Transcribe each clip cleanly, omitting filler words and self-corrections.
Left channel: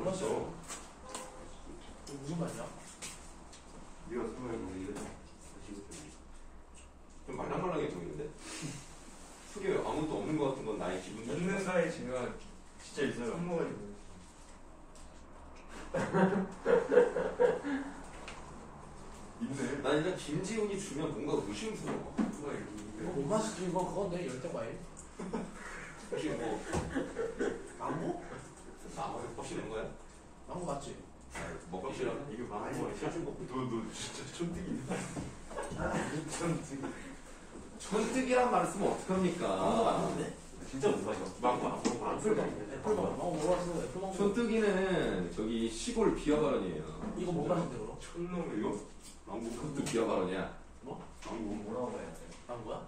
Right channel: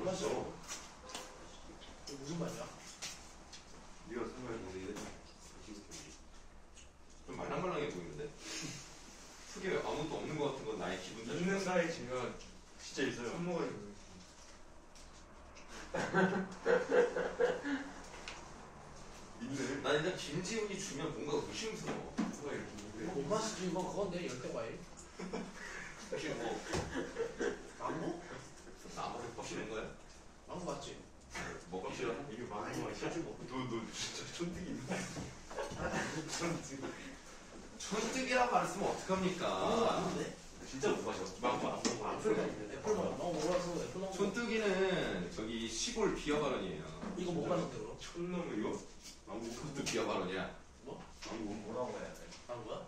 몰랐어. 무슨 말이야? 네가 설명해 보니까 좀 말랑말랑해 보이는데? 속에 아무것도 없는 것 같은 건 나의 기분 탓이야. 있는가에 제가 진짜 있어요. 손모가지 있네. 난 일단 김지훈이 주면 뭔가 의심스러워. 누가 이거 못 마시지. 이거 그건데 열대과일. 혹시 뭐 망고? 나무 확실한 거야? 망고 맞지? 먹기 싫어? 이게 망고 사실 먹고 너 진짜 촌뜨기네. 촌뜨기란 말을 쓰면 망고 어떡합니까? 맞는데? 진짜 못 마셔. 망고 안 먹어. 애플망고. 망고 먹어봤어. 애플망고. 촌뜨기는 저기 시골 비하 발언이에요. 이거 못 마는데 그럼? 촌놈 이거? 망고 그것도 비하 발언이야. 망고 뭐라고 해야 돼? 망고야?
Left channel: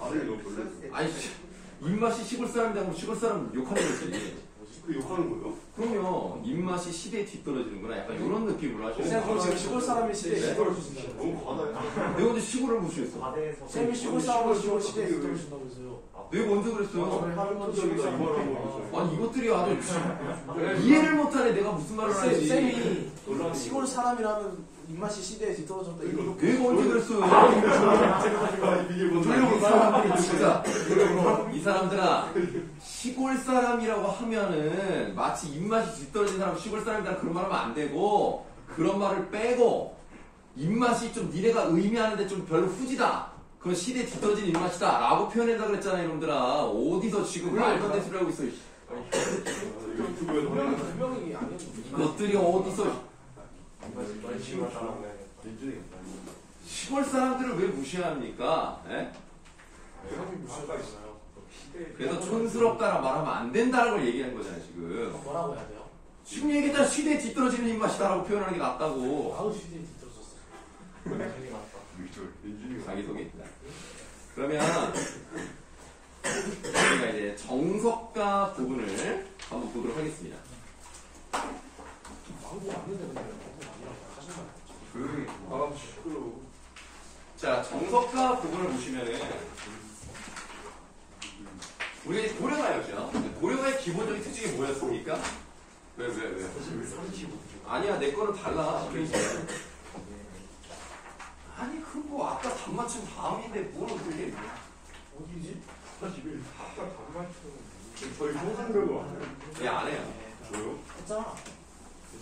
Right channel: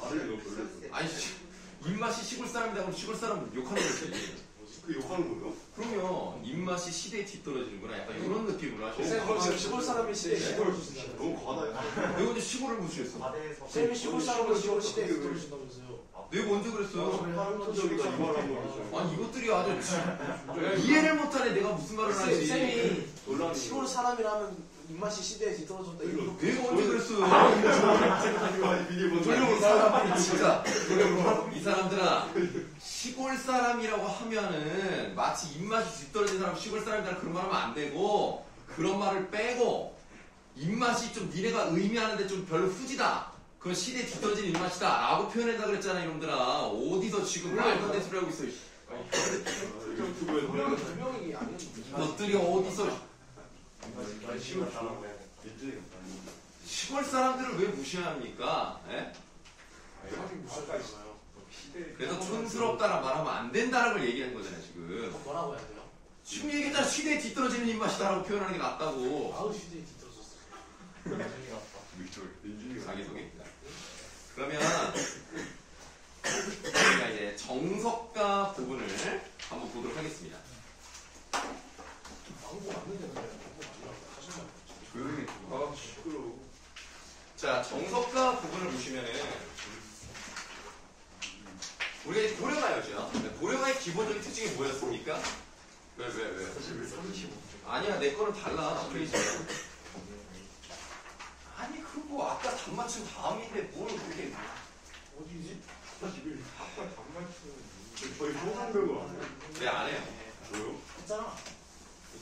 발을 너 돌렸어. 아니 입맛이 시골 사람이다 그럼 시골 사람 욕하는 거지. 그 욕하는 거예요? 그러면 입맛이 시대에 뒤떨어지는구나. 약간 이런 느낌으로 하시는 쌤 그럼 지금 시골 사람이 시대에 네? 뒤떨어지신다는 너무 과하다. 내가 언제 시골을 무시했어? 바다에서 쌤이 시골 사람은 시대에 뒤떨어진다면서요. 내가 언제 그랬어요? 할머니적이다 이 말을 하는 거죠. 아니 이것들이 아주 이해를 못하네. 내가 무슨 말을 하지? 쌤이 논란이 시골 사람이라면 입맛이 시대에 뒤떨어졌다. 이거 내가 언제 그랬어요? 이게 뭔 진짜 이 사람들아 시골 사람이라고 하면은 마치 입맛이 뒤떨어진 사람 시골 사람이라 그런 말 하면 안 되고 그런 말을 빼고 입맛이 좀 니네가 의미하는데 좀 별로 후지다. 그건 시대에 뒤떨어진 입맛이다 라고 표현한다 그랬잖아 이놈들아. 어디서 지금 말도 안 되는 소리 하고 있어. 유튜브에서 분명히 분명히 아니었는데. 이것들이 어디서 시골 사람들을 왜 무시합니까? 예? 그래서 촌스럽다라 말하면 안 된다는 걸 얘기하는 거잖아요 지금. 뭐라고 해야 돼요? 지금 얘기했잖아. 시대에 뒤떨어지는 입맛이다라고 표현하는 게 낫다고. 아우 시대에 뒤떨어졌어. 자기소개입니다. 그러면 우리가 이제 정석가 부분을 한번 보도록 하겠습니다. 망고 맞는데 근데 망고 아니라고 사실 말. 조용히. 아 시끄러워. 자, 정석가 부분을 보시면은 우리가 이제 고려가였죠. 고려가의 기본적인 특징이 뭐였습니까? 왜? 사실 왜 35초? 아니야, 내 거는 달라. 그러지. 아니, 그거 아까 단맞춘 다음인데 뭘 그렇게. 어디지? 사실 아까 단맞춤 저희 상상대로 안 해요. 왜 안 해요? 왜요? 했잖아.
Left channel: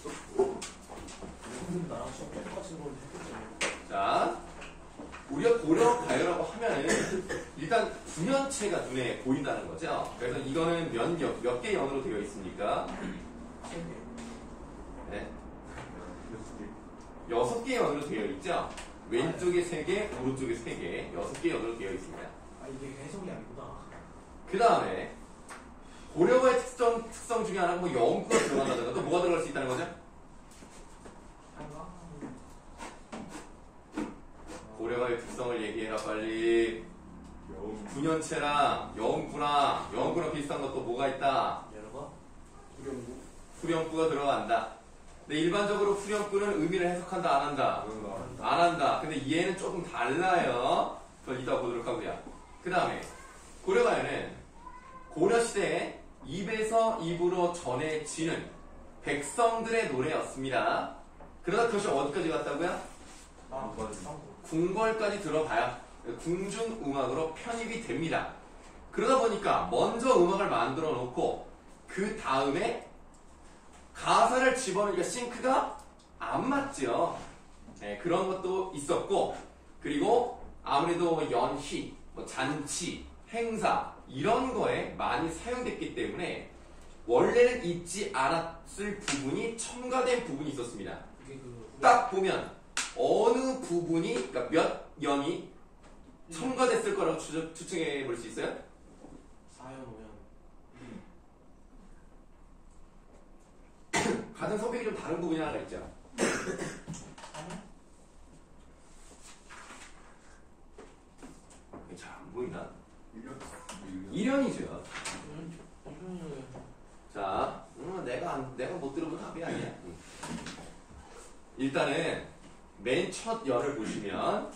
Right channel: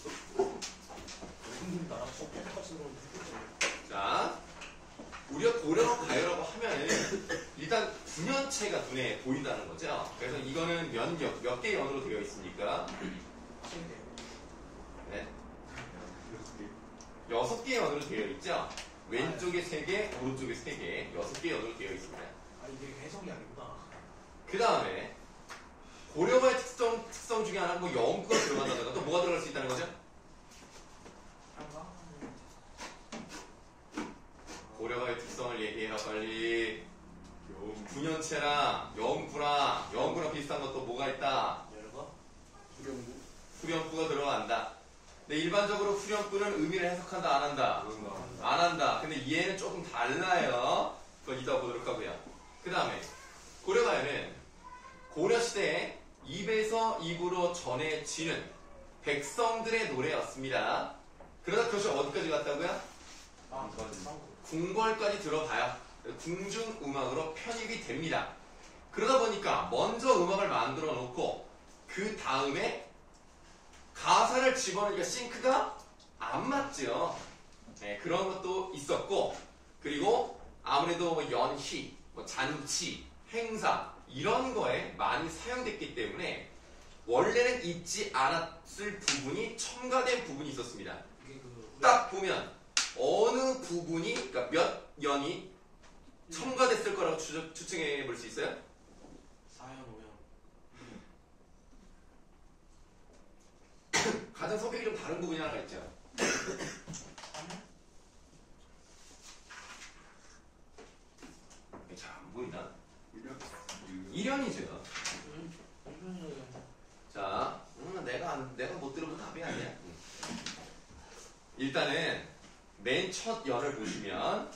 무슨 나랑 수업 똑같이 들어오는 했겠잖아. 자, 우리가 고려가요라고 하면은 일단 구년체가 눈에 보인다는 거죠. 그래서 이거는 몇 개의 연으로 되어 있습니까? 네. 6개의 연으로 되어 있죠. 왼쪽에 3개, 오른쪽에 3개, 6개의 연으로 되어 있습니다. 아 이게 해석이 아니구나. 그 다음에 고려가의 특성 중에 하나가 뭐 영구가 들어간다든가 또 뭐가 들어갈 수 있다는 거죠? 고려가의 특성을 얘기해라 빨리. 구년체랑 영구랑 비슷한 것도 뭐가 있다? 열어봐. 후렴구가 들어간다. 근데 일반적으로 후렴구는 의미를 해석한다 안 한다? 안 한다. 근데 얘는 조금 달라요. 그건 이따 보도록 하고요. 그 다음에 고려가요는 고려시대에 입에서 입으로 전해지는 백성들의 노래였습니다. 그러다 그것이 어디까지 갔다고요? 궁궐까지 들어가야 궁중음악으로 편입이 됩니다. 그러다 보니까 먼저 음악을 만들어 놓고 그 다음에 가사를 집어넣으니까 싱크가 안 맞죠. 네, 그런 것도 있었고, 그리고 아무래도 연희, 뭐 잔치, 행사 이런 거에 많이 사용됐기 때문에 원래는 있지 않았을 부분이 첨가된 부분이 있었습니다. 딱 보면 어느 부분이, 그러니까 몇 연이 첨가됐을 거라고 추측해 볼 수 있어요? 4연 5연. 가장 성격이 좀 다른 부분이 하나 있죠. 잘 안 보이나? 1연이죠. 자, 내가 못 들어본 답이 아니야. 일단은 맨 첫 연을 보시면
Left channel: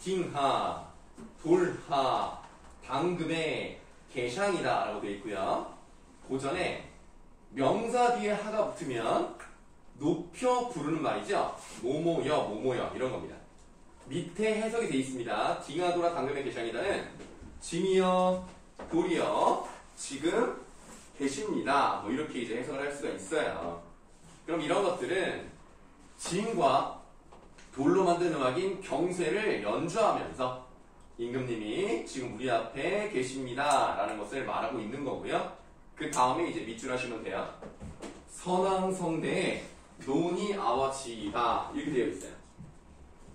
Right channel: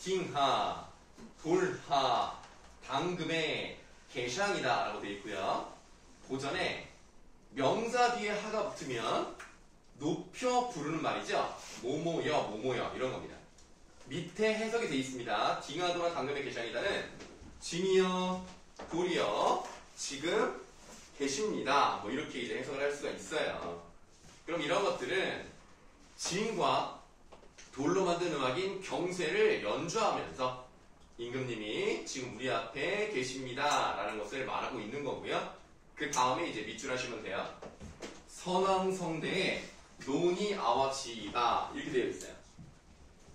징하, 돌하, 당금의 개샹이다 라고 되어 있고요. 고전에 명사 뒤에 하가 붙으면 높여 부르는 말이죠. 뭐뭐여, 뭐뭐여 이런 겁니다. 밑에 해석이 되어 있습니다. 딩하도라 당금의 계시이다는 짐이여, 돌이여, 지금 계십니다. 뭐 이렇게 이제 해석을 할 수가 있어요. 그럼 이런 것들은 짐과 돌로 만든 음악인 경쇠를 연주하면서 임금님이 지금 우리 앞에 계십니다 라는 것을 말하고 있는 거고요. 그 다음에 이제 밑줄 하시면 돼요. 선왕성대에 논이 아와지이다 이렇게 되어 있어요.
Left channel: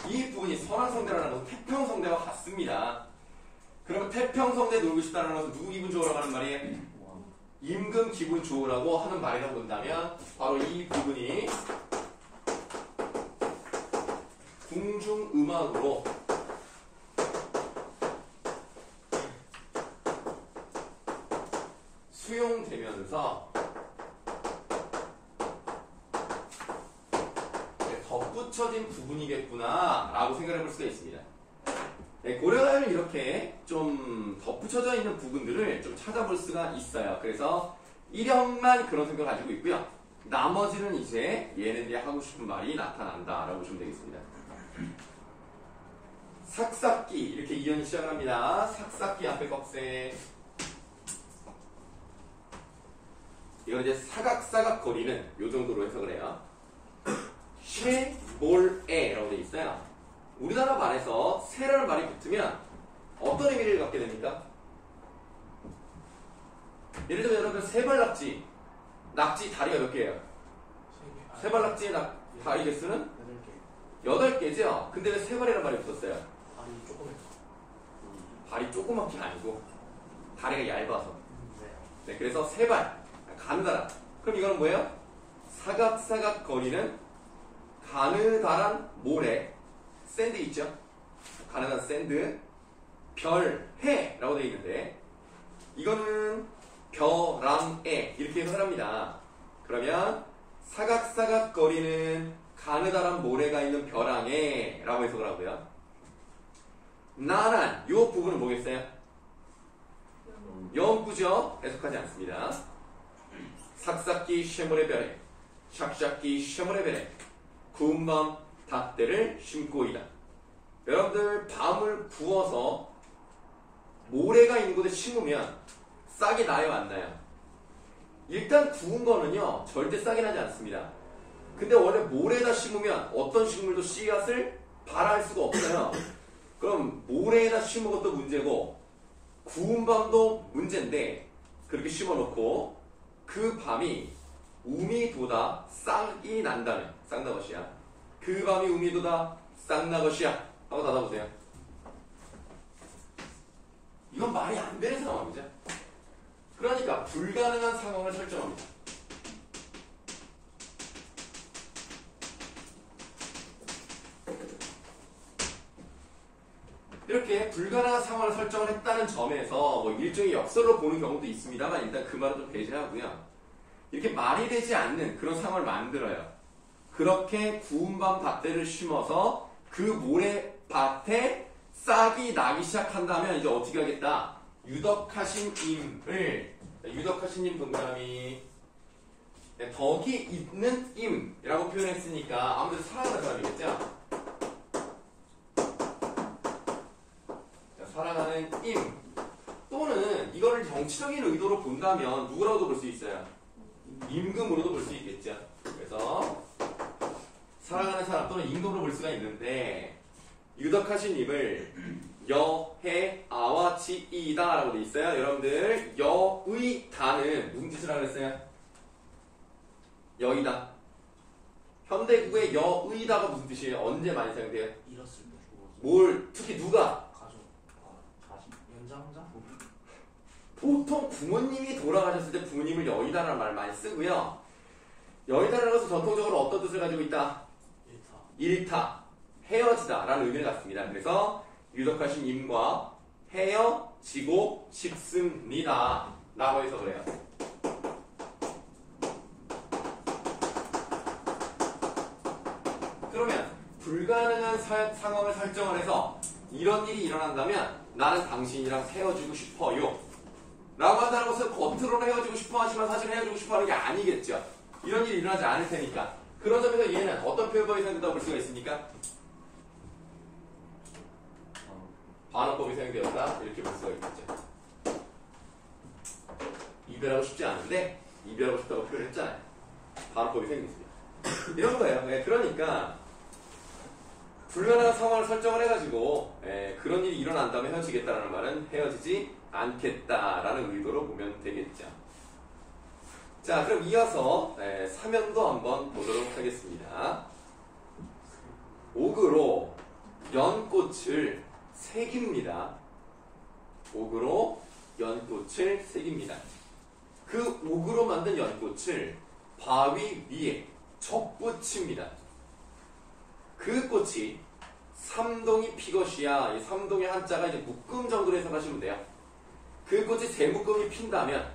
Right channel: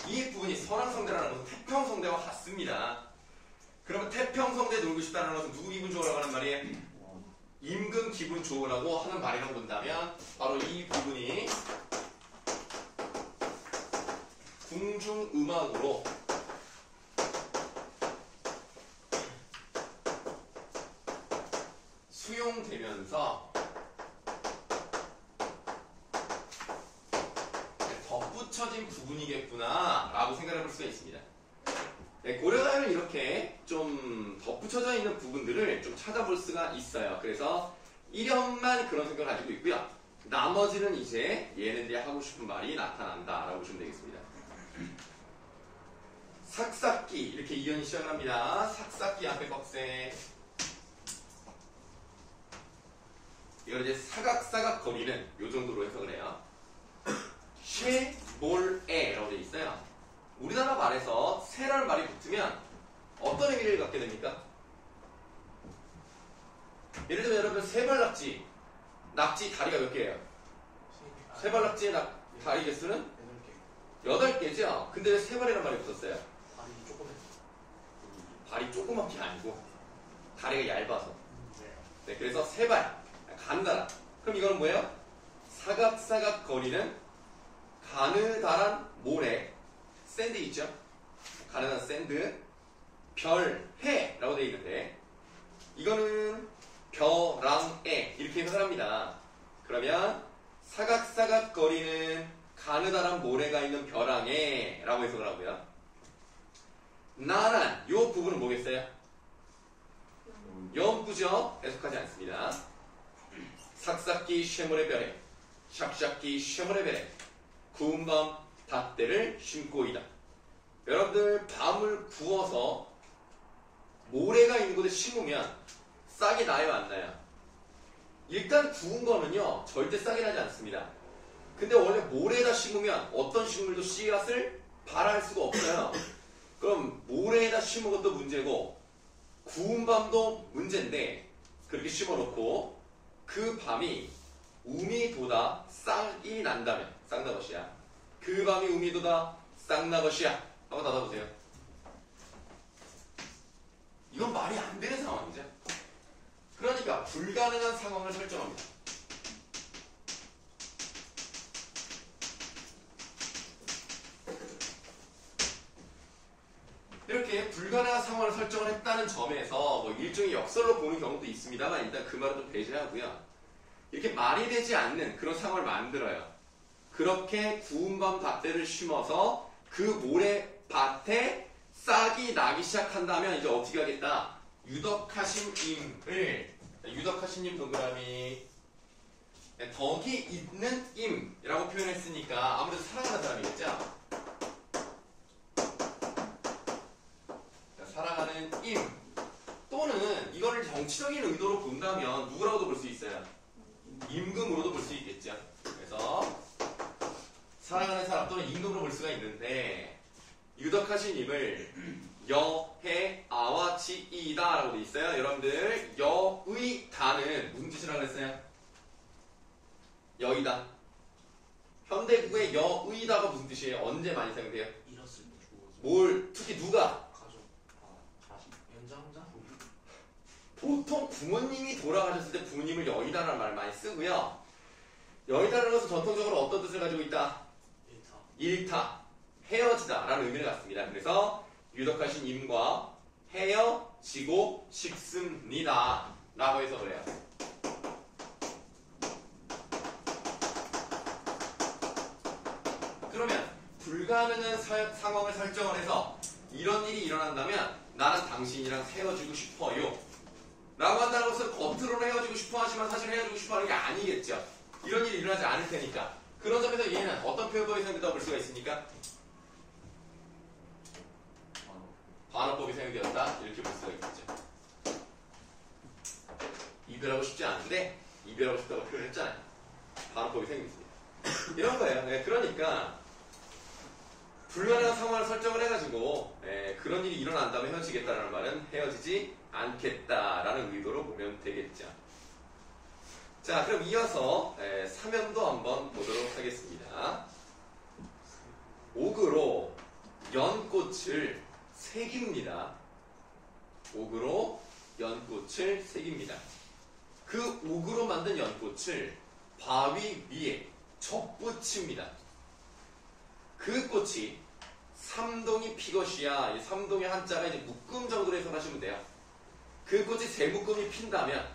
이 부분이 선왕성대라는 것은 태평성대와 같습니다. 그러면 태평성대 놀고 싶다는 것은 누구 기분 좋으라고 하는 말이에요? 임금 기분 좋으라고 하는 말이라고 본다면 바로 이 부분이 궁중음악으로 수용되면서 덧붙여진 부분이겠구나 라고 생각해 볼 수가 있습니다. 네, 고려가에는 이렇게 좀 덧붙여져 있는 부분들을 좀 찾아볼 수가 있어요. 그래서 1형만 그런 생각을 가지고 있고요. 나머지는 이제 얘네들이 하고 싶은 말이 나타난다 라고 보시면 되겠습니다. 삭삭기 이렇게 이연이 시작을 합니다. 삭삭기 앞에 꺽쇠. 이걸 이제 사각사각 거리는 요 정도로 해석을 해요. 쉐몰에라고 되어 있어요. 우리나라 말에서 새라는 말이 붙으면 어떤 의미를 갖게 됩니까? 예를 들면 여러분 세발낙지 낙지 다리가 몇 개예요? 세발낙지의 다리 개수는 8개죠? 근데 왜 세발이라는 말이 붙었어요? 아니 조금만. 발이 조그만 게 아니고 다리가 얇아서. 네, 그래서 세발 가느다란. 그럼 이거는 뭐예요? 사각사각 거리는 가느다란 모래. 샌드 있죠? 가느다란 샌드. 별, 해라고 되어 있는데 이거는 벼랑에 이렇게 해석을 합니다. 그러면 사각사각 거리는 가느다란 모래가 있는 벼랑에 라고 해석을 하고요. 나란 요 부분은 뭐겠어요? 연구죠? 해석하지 않습니다. 삭삭기 쉐모레 별에 샥샥기 쉐모레 별에 구운 밤 닷대를 심고이다. 여러분들 밤을 구워서 모래가 있는 곳에 심으면 싹이 나요 안 나요? 일단 구운 거는요 절대 싹이 나지 않습니다. 근데 원래 모래에다 심으면 어떤 식물도 씨앗을 발할 수가 없어요. 그럼 모래에다 심은 것도 문제고 구운 밤도 문제인데 그렇게 심어놓고 그 밤이 우미 돋아 싹이 난다면 싹나 것이야. 그 밤이 우미 돋아 싹나 것이야. 한번 닫아보세요. 이건 말이 안 되는 상황이죠. 그러니까 불가능한 상황을 설정합니다. 이렇게 불가능한 상황을 설정을 했다는 점에서 뭐 일종의 역설로 보는 경우도 있습니다만 일단 그 말은 좀 배제하고요. 이렇게 말이 되지 않는 그런 상황을 만들어요. 그렇게 구운 밤 닷대를 심어서 그 모래밭에 싹이 나기 시작한다면 이제 어떻게 하겠다? 유덕하신 임을 유덕하신 임 동그라미 덕이 있는 임이라고 표현했으니까 아무래도 사랑하는 사람이겠죠? 사랑하는 임 또는 이거를 정치적인 의도로 본다면 누구라고도 볼 수 있어요? 임금으로도 볼 수 있겠죠. 그래서 사랑하는 사람 또는 임금으로 볼 수가 있는데 유덕하신 임을 여해 아와 지이다 라고 돼 있어요. 여러분들 여의다는 무슨 뜻을 하고 있어요? 여의다. 현대국의 여의다가 무슨 뜻이에요? 언제 많이 사용돼요? 잃었을 때 죽어서. 뭘 특히 누가? 가족. 가족. 연장자? 보통 부모님이 돌아가셨을 때 부모님을 여의다라는 말을 많이 쓰고요. 여의다라는 것은 전통적으로 어떤 뜻을 가지고 있다? 일타, 헤어지다 라는 의미를 갖습니다. 그래서 유덕하신 임과 헤어지고 싶습니다 라고 해석을 해요. 그러면 불가능한 상황을 설정을 해서 이런 일이 일어난다면 나는 당신이랑 헤어지고 싶어요 라고 한다는 것은 겉으로는 헤어지고 싶어 하지만 사실 헤어지고 싶어 하는 게 아니겠죠. 이런 일이 일어나지 않을 테니까. 그런 점에서 얘는 어떤 표현법이 사용된다고 볼 수가 있습니까? 반어법이 사용되었다. 이렇게 볼 수가 있겠죠. 이별하고 싶지 않은데 이별하고 싶다고 표현했잖아요. 반어법이 사용됐습니다. 이런 거예요. 네, 그러니까 불가능한 상황을 설정을 해가지고 그런 일이 일어난다면 헤어지겠다라는 말은 헤어지지 않겠다라는 의도로 보면 되겠죠. 자, 그럼 이어서 사면도 한번 보도록 하겠습니다. 옥으로 연꽃을 새깁니다. 옥으로 연꽃을 새깁니다. 그 옥으로 만든 연꽃을 바위 위에 접붙입니다. 그 꽃이 삼동이 피것이야. 이 삼동의 한자가 이제 묶음 정도로 해석하시면 돼요. 그 꽃이 세 묶음이 핀다면,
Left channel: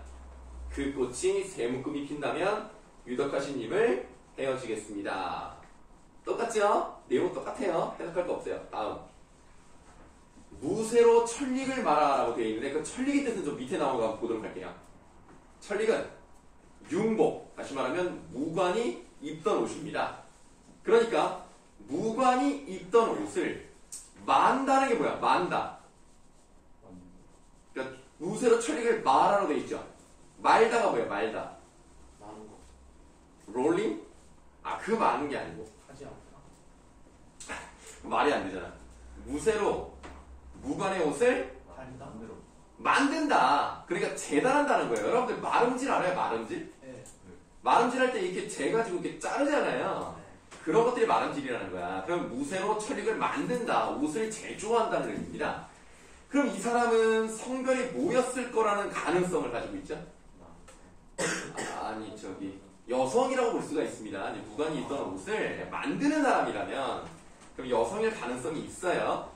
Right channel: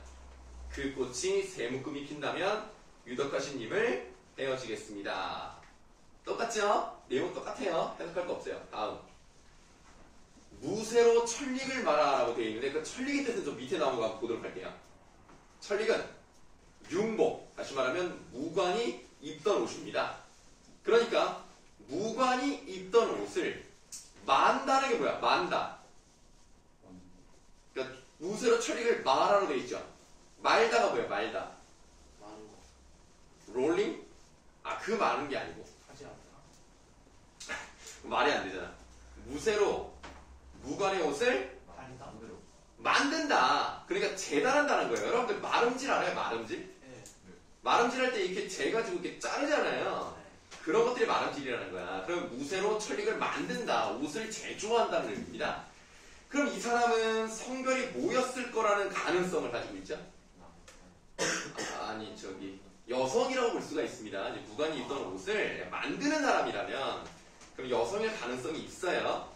그 꽃이 세 묶음이 핀다면 유덕하신님을 헤어지겠습니다. 똑같죠? 내용은 똑같아요. 해석할 거 없어요. 다음. 무쇠로 천릭을 말하라고 되어 있는데 그 천릭의 뜻은 좀 밑에 나온 거 한번 보도록 할게요. 천릭은 융복, 다시 말하면 무관이 입던 옷입니다. 그러니까 무관이 입던 옷을 만다는 게 뭐야? 만다. 그러니까 무쇠로 천릭을 말하라고 되어 있죠. 말다가 뭐야? 말다. 많은 거 롤링? 아, 그 많은 게 아니고 하지 않나? 말이 안 되잖아. 무쇠로 무관의 옷을 한다. 만들어. 만든다. 그러니까 재단한다는 거예요. 여러분들 마름질 알아요? 마름질? 네. 마름질 할 때 이렇게 재 가지고 이렇게 자르잖아요. 네. 그런 것들이 마름질이라는 거야. 그럼 무쇠로 천릭을 만든다. 옷을 제조한다는 의미입니다. 그럼 이 사람은 성별이 뭐였을 거라는 가능성을 가지고 있죠? 아니, 저기 여성이라고 볼 수가 있습니다. 이제 무관이 입던 옷을 만드는 사람이라면 그럼 여성일 가능성이 있어요.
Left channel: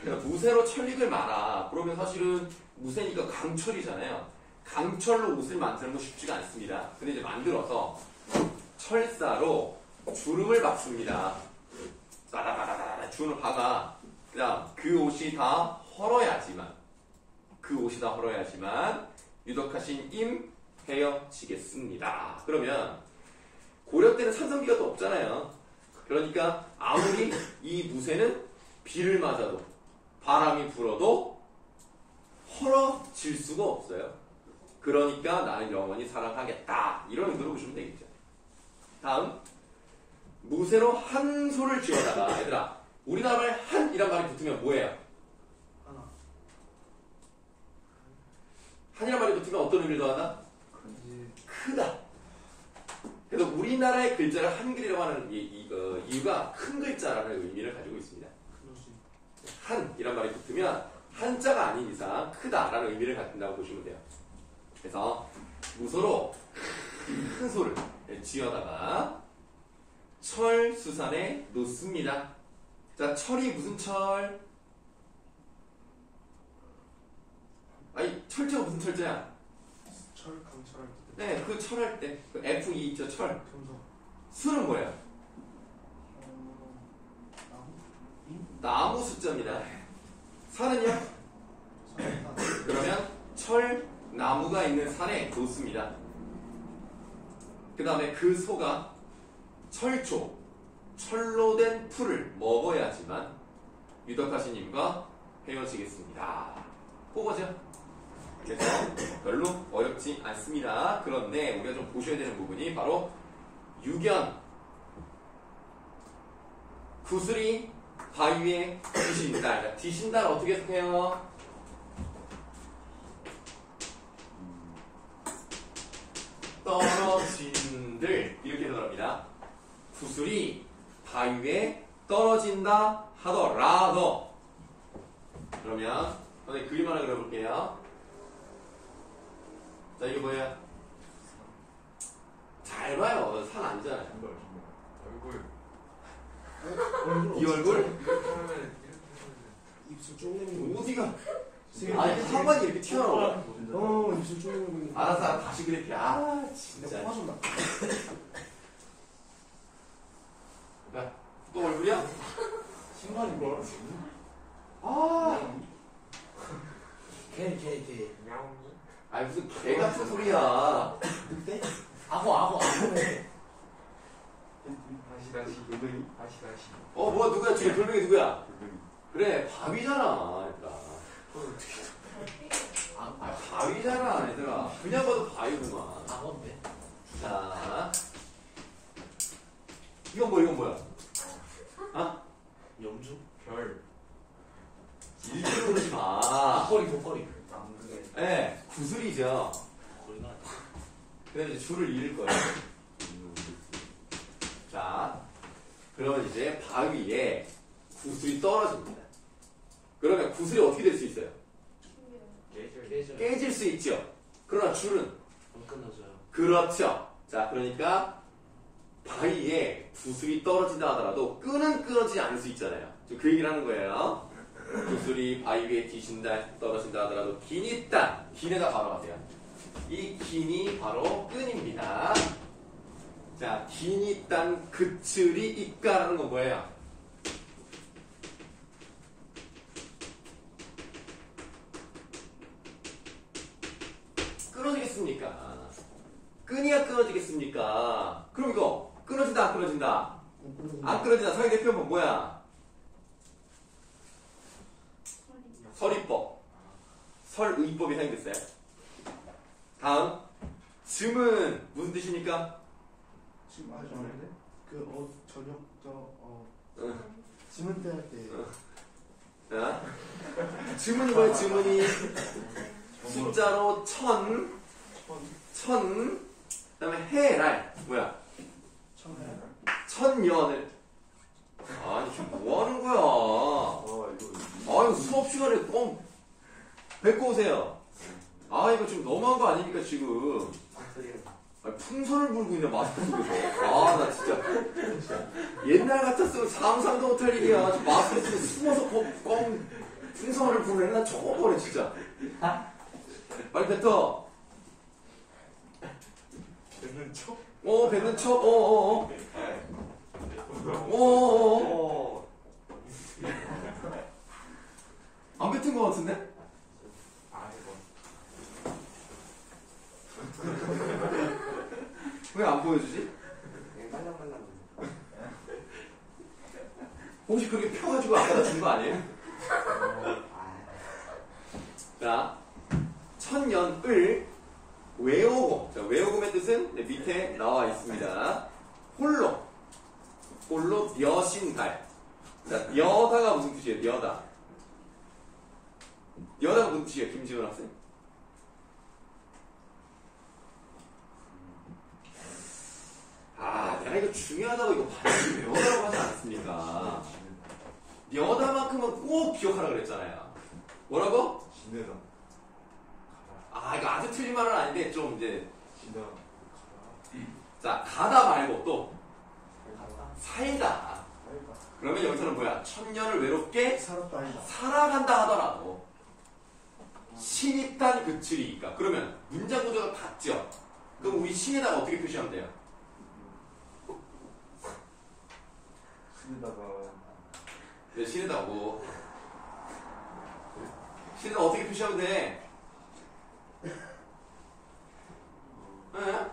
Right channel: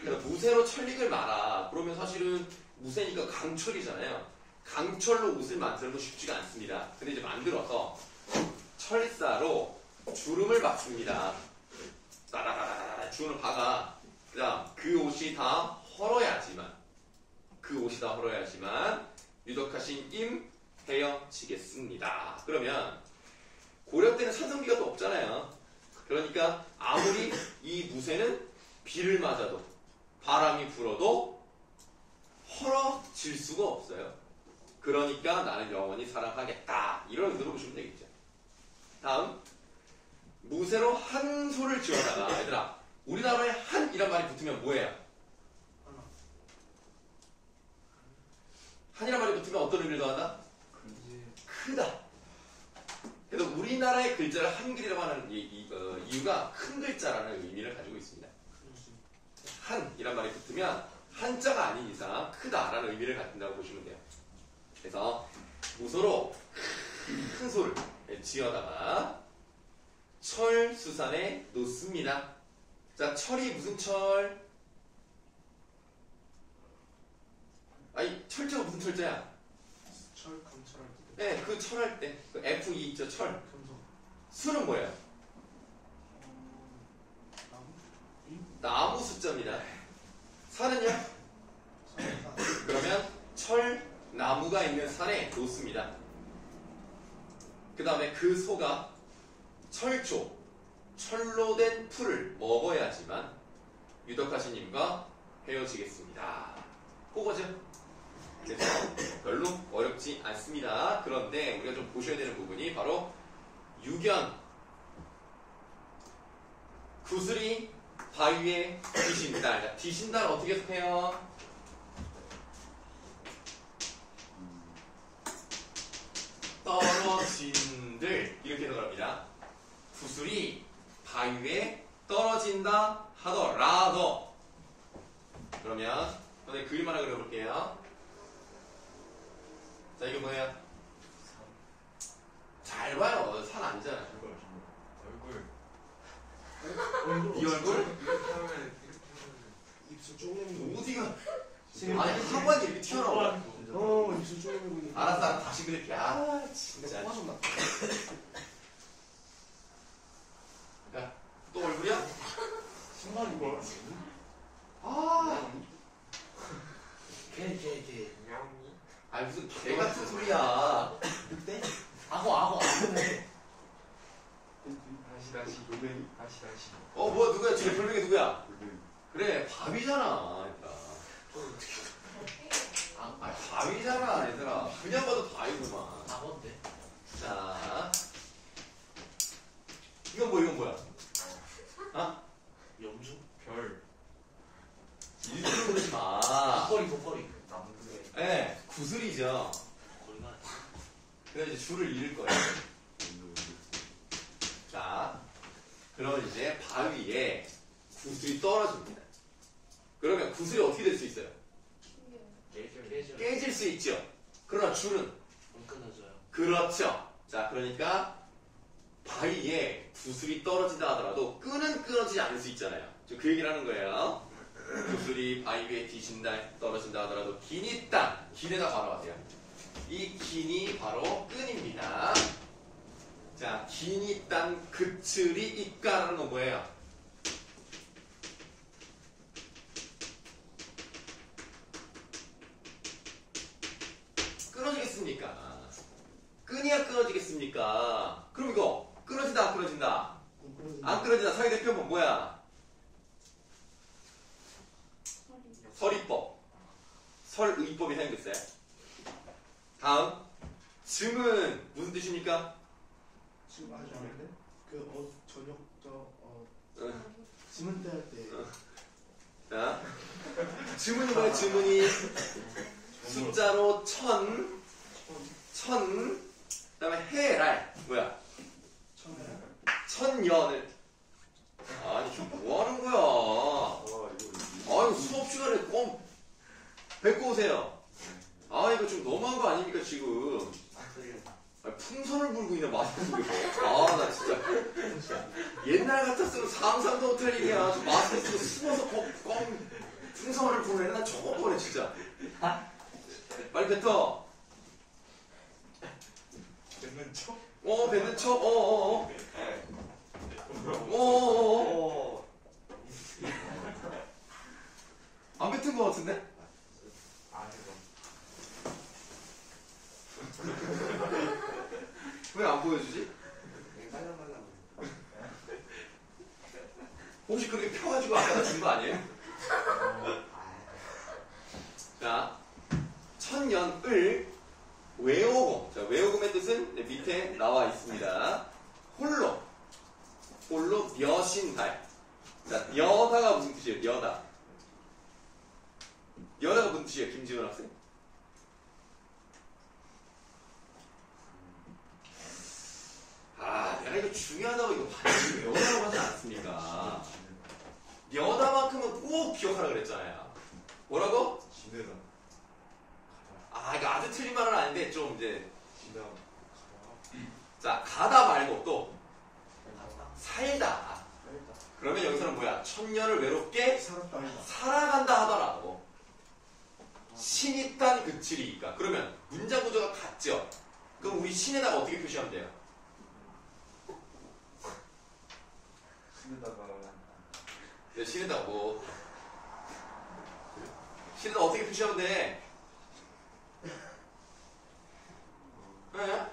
그래서 무쇠로 천릭을 말아. 그러면 사실은 무쇠니까 강철이잖아요. 강철로 옷을 만드는 건 쉽지가 않습니다. 근데 이제 만들어서 철사로 주름을 박습니다. 따다다다다다 주름을 박아. 그다음 그 옷이 다 헐어야지만 유덕하신 임 헤어지겠습니다. 그러면 고려 때는 산성비가 또 없잖아요. 그러니까 아무리 이 무쇠는 비를 맞아도 바람이 불어도 헐어질 수가 없어요. 그러니까 나는 영원히 사랑하겠다. 이런 의도로 보시면 되겠죠. 다음, 무쇠로 한 소를 지어다가 얘들아, 우리나라에 한이란 말이 붙으면 뭐예요? 하나. 한이란 말이 붙으면 어떤 의미를 더하다? 이제 크다. 그래서 우리나라의 글자를 한글이라고 하는 이유가 큰 글자라는 의미를 가지고 있습니다. 그럴 수 있다. 한이란 말이 붙으면 한자가 아닌 이상 크다라는 의미를 갖는다고 보시면 돼요. 그래서 무소로 큰 소를 지어다가 철수산에 놓습니다. 자, 철이 무슨 철? 아니, 철자가 무슨 철자야? 철 강철할 때. 네, 그 철할 때, 그 F2 있죠, 철. 금속. 수는 뭐예요? 나무. 나무 숫자입니다. 산은요? 산타. 그러면 철, 나무가 있는 산에 놓습니다. 그 다음에 그 소가 철초, 철로 된 풀을 먹어야지만 유덕하신님과 헤어지겠습니다. 그거죠. 그래서 별로 어렵지 않습니다. 그런데 우리가 좀 보셔야 되는 부분이 바로 유견, 구슬이 바위에 뒤신다. 그러니까 뒤신다를 어떻게 해석해요? 떨어진들 이렇게 해석합니다. 구슬이 바위에 떨어진다 하더라도 그러면 선생님 그림 하나 그려볼게요. 자, 이게 뭐예요? 잘 봐요. 산 아니잖아요. 이걸 얼굴. 이 얼굴? 이렇게 하면 입술 쪼그리는 거. 어디가? 지금 아니, 한번이 이렇게 튀어나와. 입술 쪼그리고 있는 거. 알았어, 다시 그릴게. 아, 내가 진짜. 빠졌나? 야, 또 얼굴이야? 신발이 뭐? 아, 걔. 야옹이 아유, 바위야. 늑대? 악어네. 다시 돌멩이. 다시 뭐야 누구야 지금 돌멩이 누구야? 돌멩이. 그래 바위잖아 얘들아. 바위잖아 얘들아. 그냥 봐도 바위구만. 악어인데. 자 이건 뭐야? 아? 영주? 별 일부러 그러지 마. 독거리. 네, 구슬이죠. 독거리가 아니야. 그래서 이제 줄을 잃을 거예요. 자, 그러면 이제 바위에 구슬이 떨어집니다. 그러면 구슬이 어떻게 될 수 있어요? 깨져. 깨질 수 있죠. 그러나 줄은 안 끊어져요. 그렇죠. 자, 그러니까 바위에 구슬이 떨어진다 하더라도 끈은 끊어지지 않을 수 있잖아요. 지금 그 얘기를 하는 거예요. 구슬이 바위 위에 떨어진다 하더라도 긴이 딴 긴에다 바로 가세요. 이 긴이 바로 끈입니다. 자, 긴이 딴 그칠이 있가라는 건 뭐예요? 끊어지겠습니까? 끈이야 끊어지겠습니까? 그럼 이거 끊어진다 안 끊어진다? 안 끊어진다. 사회 대표는 뭐야? 설의법. 설의법이 생겼어요. 다음. 즘은 무슨 뜻입니까? 지금 아셨는데? 저녁 지문 떼할 때. 자, 즘은이 뭐예요? 즘은이 숫자로 천, 그 다음에 해랄 뭐야? 천년을. 아니 지금 뭐 하는 거야? 이거 수업 시간에 꼭 뱉고 오세요. 이거 좀 너무한 거 아닙니까 지금? 풍선을 불고 있네 마스크 속에서. 나 진짜 옛날 같았으면 상상도 못할 일이야. 저 마스크 쓰고 숨어서 꽁 풍선을 불고 난 처음 보네 진짜. 빨리 뱉어. 뱉는 척? 뱉는 척. 안 뱉은 거 같은데? 왜 안 보여주지? 혹시 그렇게 펴가지고 아까 준 거 아니에요? 자, 천년을 외오금. 자, 외오금의 뜻은 밑에 나와 있습니다. 홀로 녀신달. 자, 녀다가 무슨 뜻이에요? 녀다가 무슨 뜻이에요? 김지훈 학생? 내가 이거 중요하다고 이거 반드시 녀다라고 하지 않았습니까? 녀다만큼은 꼭 기억하라 그랬잖아요. 뭐라고? 지내다. 이거 아주 틀린 말은 아닌데 좀 이제 지다. 자, 가다 말고 또 살다. 그러면 여기서는 뭐야? 천년을 외롭게 살아간다 하더라도 신이 딴 그칠이니까. 그러면 문장 구조가 같죠? 그럼 우리 신에다가 어떻게 표시하면 돼요? 네, 신에다가 신에다가 어떻게 표시하면 돼? 네?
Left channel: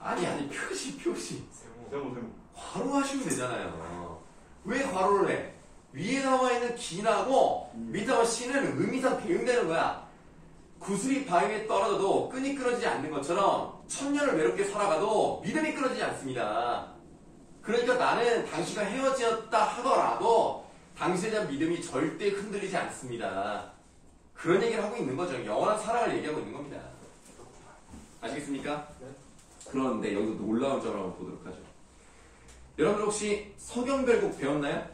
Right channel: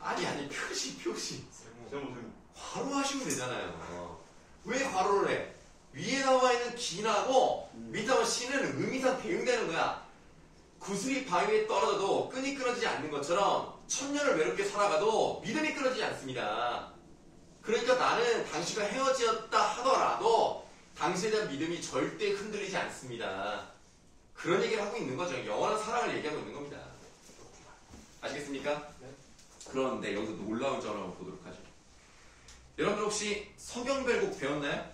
아니 표시 세모. 괄호 하시면 되잖아요. 왜 괄호를 해? 위에 나와 있는 긴하고 밑에 나와 신은 의미상 대응되는 거야. 구슬이 바위에 떨어져도 끈이 끊어지지 않는 것처럼 천년을 외롭게 살아가도 믿음이 끊어지지 않습니다. 그러니까 나는 당신과 헤어졌다 하더라도 당신에 대한 믿음이 절대 흔들리지 않습니다. 그런 얘기를 하고 있는 거죠. 영원한 사랑을 얘기하고 있는 겁니다. 아시겠습니까? 네. 그런데 여기서 놀라운 점을 한번 보도록 하죠. 여러분들 혹시 서경별곡 배웠나요?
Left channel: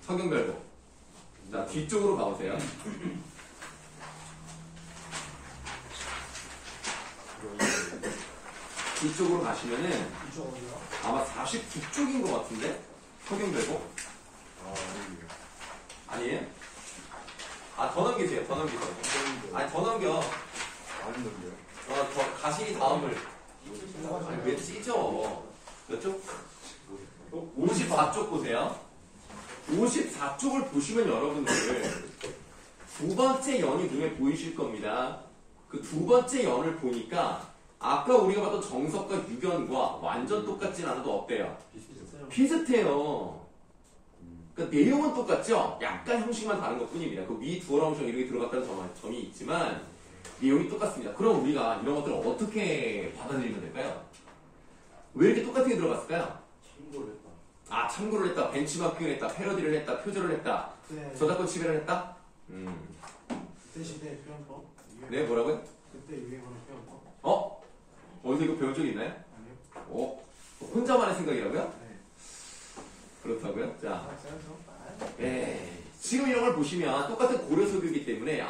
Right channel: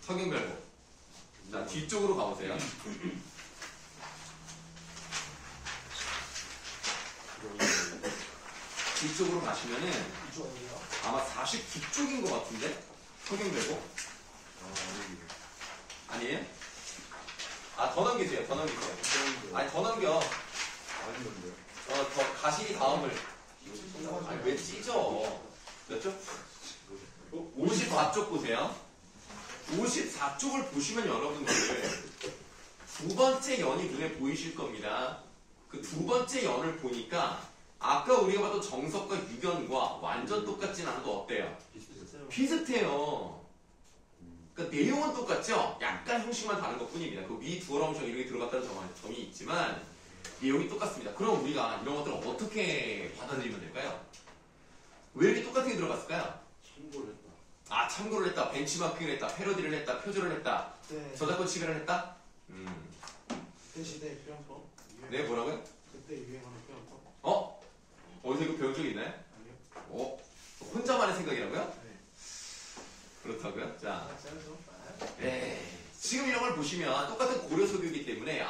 서경별곡. 자, 뒤쪽으로 가보세요. 뒤쪽으로 가시면은 아마 49쪽인 것 같은데? 서경별곡? 아니에요? 더 넘기세요. 더 넘기세요. 더 넘겨. 더 가시기 다음을. 왜 찢어? 몇 쪽? 54쪽 보세요. 54쪽을 보시면 여러분들 두 번째 연이 눈에 보이실 겁니다. 그 두 번째 연을 보니까 아까 우리가 봤던 정석과 유견과 완전 똑같진 않아도 어때요? 비슷해요. 비슷해요. 그러니까 내용은 똑같죠? 약간 형식만 다른 것 뿐입니다. 그 위 두어라운션 이렇게 들어갔다는 점이 있지만 내용이 똑같습니다. 그럼 우리가 이런 것들을 어떻게 받아들이면 될까요? 왜 이렇게 똑같은 게 들어갔을까요? 참고를 했다. 아, 참고를 했다, 벤치마킹을 했다, 패러디를 했다, 표절을 했다, 네. 저작권 침해를 했다? 그때 시대의 표현법. 네, 뭐라고요? 그때 유행하는 표현법. 어? 어디서 이거 배운 적 있나요? 아니요. 혼자만의 생각이라고요? 네. 그렇다고요? 자, 써야죠. 지금 이런 걸 보시면 똑같은 고려 소교이기 때문에